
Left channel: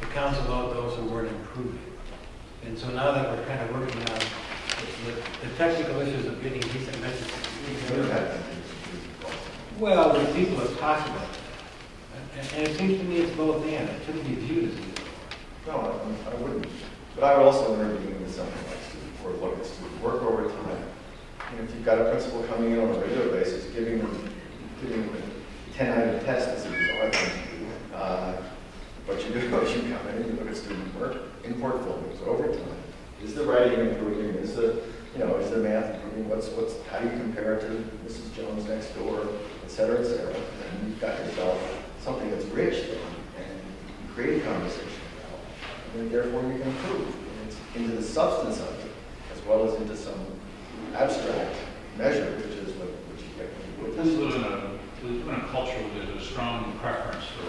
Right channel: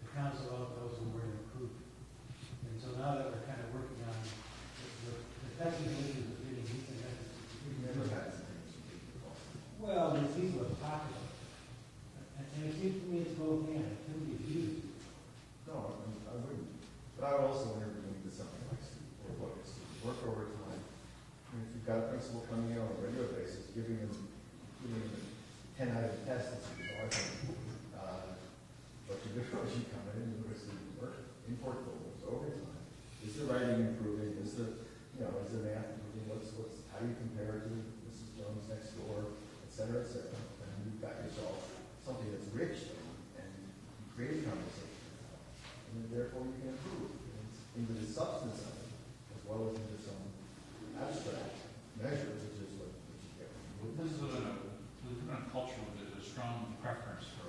to counsel out those who weren't improving. And so now that we're kind of working on the technical issues of getting decent metrics, well, with people as possible. And it seems to me it's both and. It shouldn't be viewed as either. No, I wouldn't. But I would also intervene with something like student work, look at student work over time. And if you've got a principal coming in on a regular basis, giving them a 10-item test that says, oh, that's something to do. What you do is you come in and you look at student work in portfolios over time. Is the writing improving? Is the math improving? How do you compare it to Mrs. Jones next door, et cetera, et cetera? And you've got yourself something that's rich then, and you create a conversation about it. And therefore you can improve into the substance of it, as well as into some abstract measure, which is what you get when you We live in a culture where there's a strong preference for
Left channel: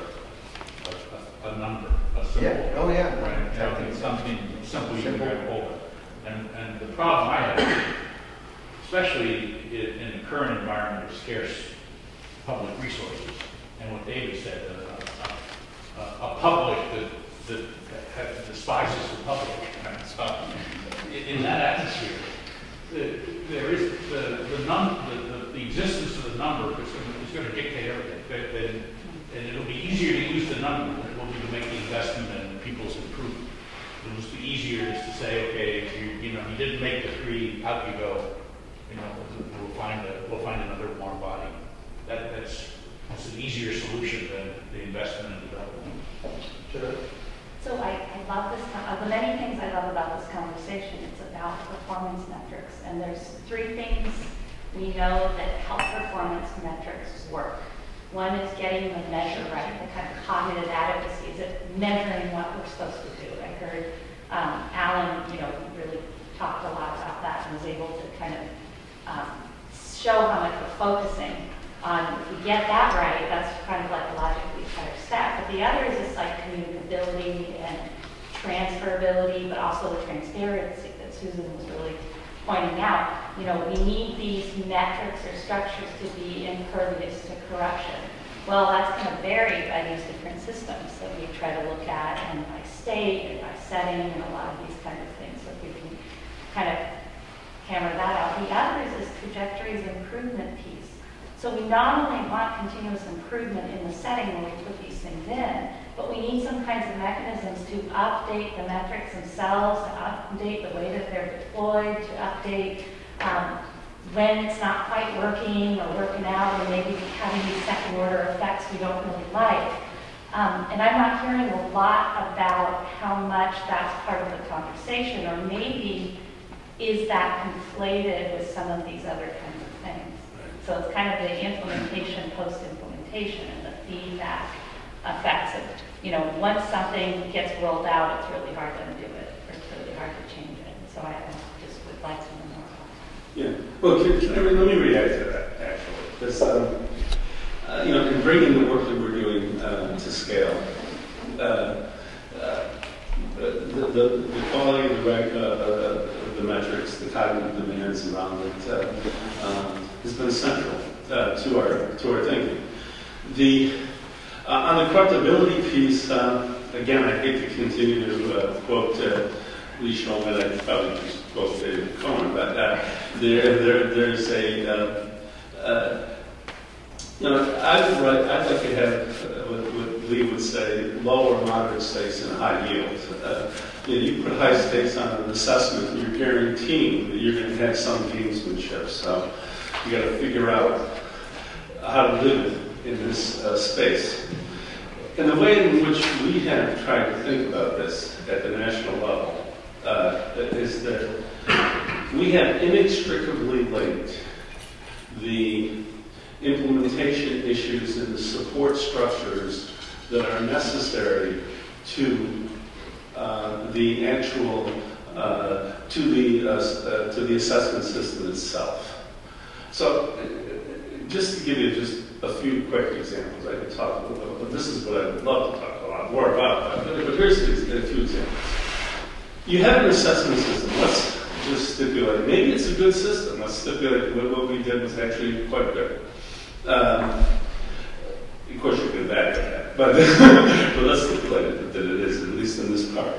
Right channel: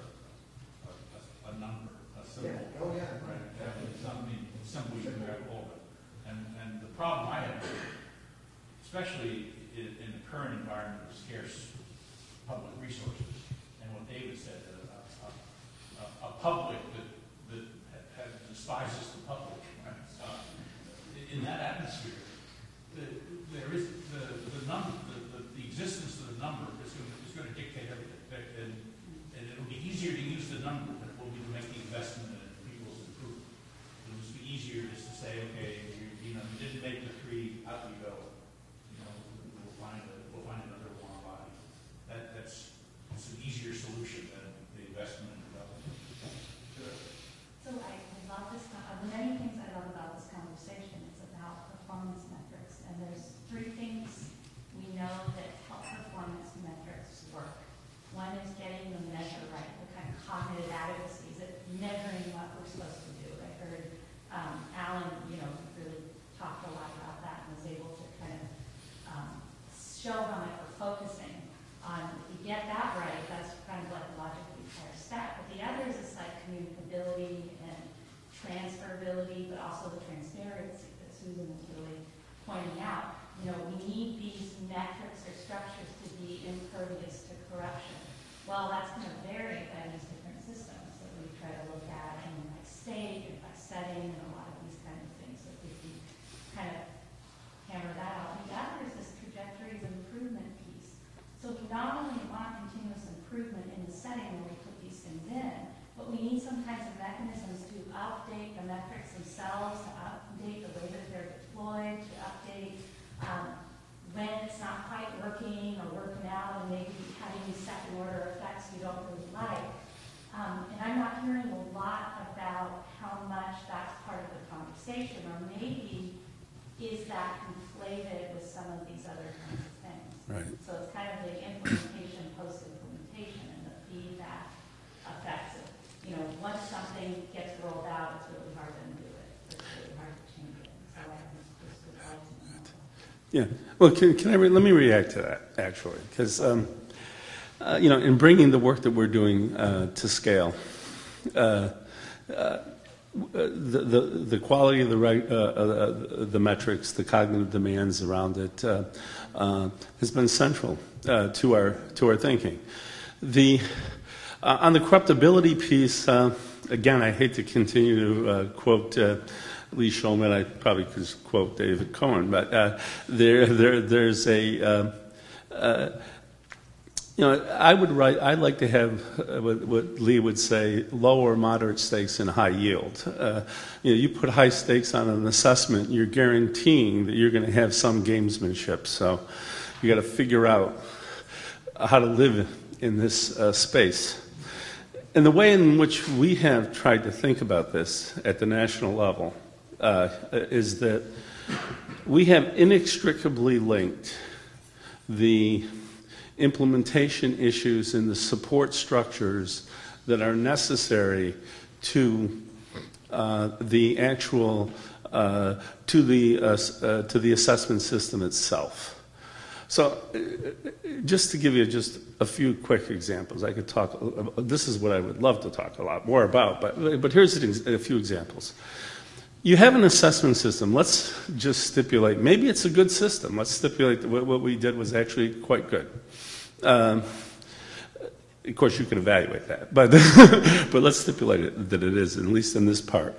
a number, a symbol. Yeah. Oh, yeah. Right? Something simple you can grab hold of. And the problem I have, especially in the current environment of scarce public resources, and what David said, a public that despises the public. Right? So in that atmosphere, there is the existence of the number is going to dictate everything. And it'll be easier to use the number than it will be to make the investment in people's improvement. It'll just be easier just to say, okay, you didn't make the 3, out you go. We'll find another warm body. That's an easier solution than the investment in development. Sure. So I love this. Of the many things I love about this conversation, it's about performance metrics. And there's 3 things we know that help performance metrics work. One is getting the measure right, the kind of cognitive adequacy. Is it measuring what we're supposed to do? I heard Alan, really talked a lot about that and was able to kind of show how much we're focusing on. If we get that right, that's kind of like a logically better step. But the other is this like communicability and transferability, but also the transparency that Susan was really pointing out. We need these metrics or structures to be impervious to corruption. Well, that's going to vary by these different systems that we try to look at, and by state and by setting and a lot of these kind of things. So if we can kind of hammer that out. The other is this trajectories improvement piece. So we not only want continuous improvement in the setting where we put these things in, but we need some kinds of mechanisms to update the metrics themselves, to update the way that they're deployed, to update when it's not quite working or working out, or maybe having these second order effects we don't really like. And I'm not hearing a lot about how much that's part of the conversation, or maybe is that conflated with some of these other kinds of things. Right. So it's kind of the implementation, post-implementation, and the feedback effects of, once something gets rolled out, it's really hard to undo it, or it's really hard to change it. And so I just would like to know more. Yeah. Well, let me react to that, actually, because, in bringing the work that we're doing to scale, the quality of the metrics, the cognitive demands around it has been central to our thinking. On the corruptibility piece, again, I hate to continue to quote Lee Shulman, I probably just quote David Cohen, but there's a, I like to have what Lee would say, low or moderate stakes and high yield. You put high stakes on an assessment, you're guaranteeing that you're going to have some gamesmanship. So you got to figure out how to live in this space. And the way in which we have tried to think about this at the national level is that we have inextricably linked the implementation issues and the support structures that are necessary to the actual to the assessment system itself. So, just to give you just a few quick examples, I could talk. This is what I would love to talk a lot more about, but here's a few examples. You have an assessment system. Let's just stipulate. Maybe it's a good system. Let's stipulate that what we did was actually quite good. Of course, you can evaluate that, but let's stipulate that it is, at least in this part.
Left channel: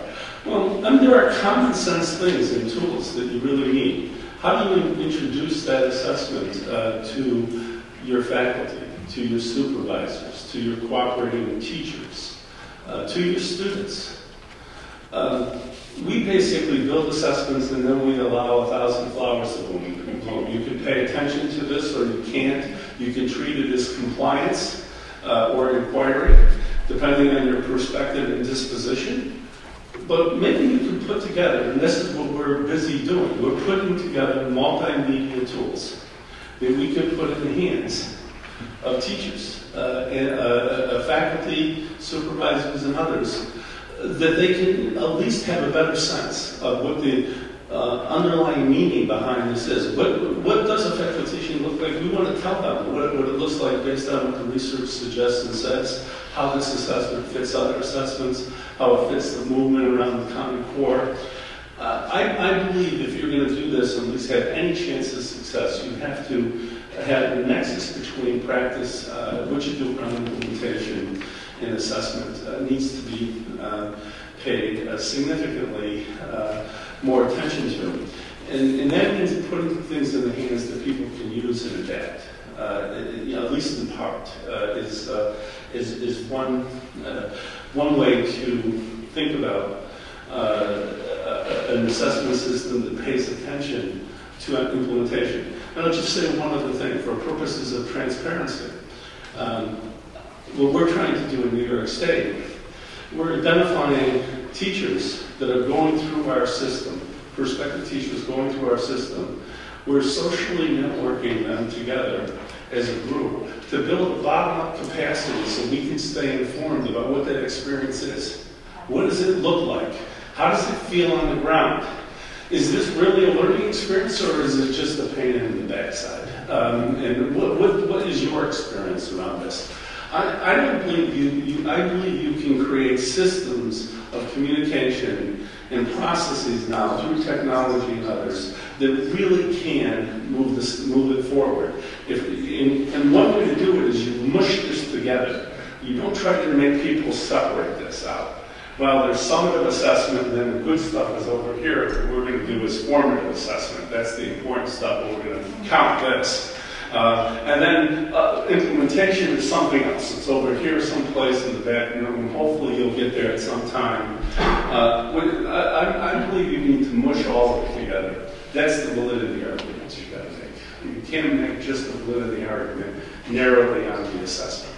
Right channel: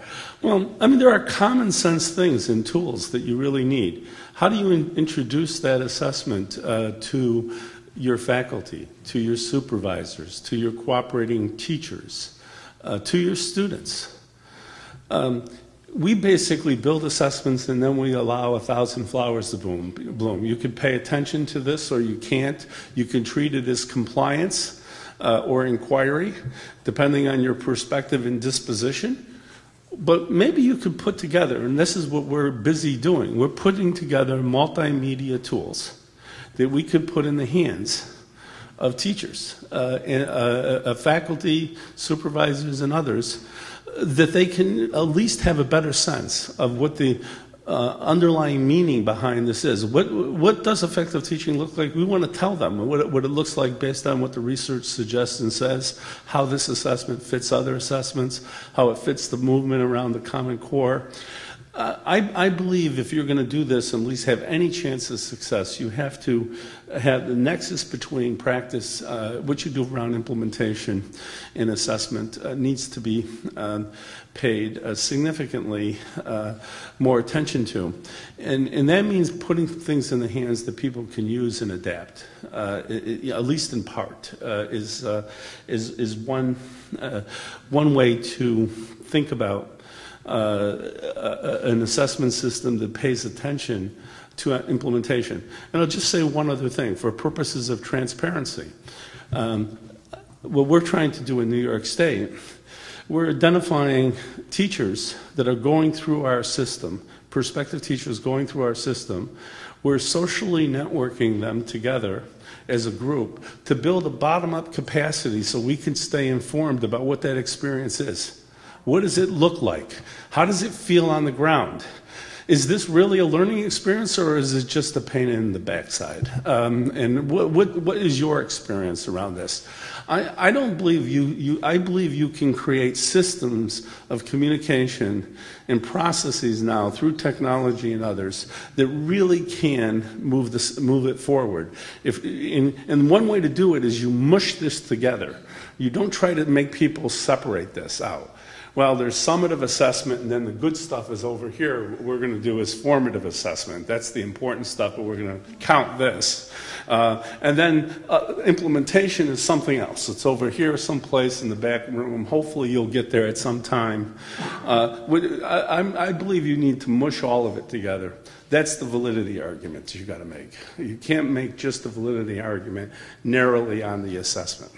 Well, I mean, there are common sense things and tools that you really need. How do you introduce that assessment to your faculty, to your supervisors, to your cooperating teachers, to your students? We basically build assessments and then we allow 1,000 flowers to bloom. You can pay attention to this or you can't. You can treat it as compliance or inquiry, depending on your perspective and disposition. But maybe you could put together, and this is what we're busy doing, we're putting together multimedia tools that we could put in the hands of teachers, and faculty, supervisors, and others, that they can at least have a better sense of what the underlying meaning behind this is. What does effective teaching look like? We want to tell them what it looks like based on what the research suggests and says, how this assessment fits other assessments, how it fits the movement around the Common Core. I believe if you're going to do this and at least have any chance of success, you have to have the nexus between practice, what you do around implementation and assessment needs to be paid significantly more attention to. And that means putting things in the hands that people can use and adapt, at least in part, is one way to think about an assessment system that pays attention to implementation. And I'll just say one other thing, for purposes of transparency. What we're trying to do in New York State, we're identifying teachers that are going through our system, prospective teachers going through our system. We're socially networking them together as a group to build a bottom-up capacity so we can stay informed about what that experience is. What does it look like? How does it feel on the ground? Is this really a learning experience or is it just a pain in the backside? And what is your experience around this? I don't believe I believe you can create systems of communication and processes now through technology and others that really can move it forward. And one way to do it is you mush this together. You don't try to make people separate this out. Well, there's summative assessment, and then the good stuff is over here. What we're going to do is formative assessment. That's the important stuff, but we're going to count this. And then implementation is something else. It's over here someplace in the back room. Hopefully you'll get there at some time. I believe you need to mush all of it together. That's the validity argument you've got to make. You can't make just the validity argument narrowly on the assessment.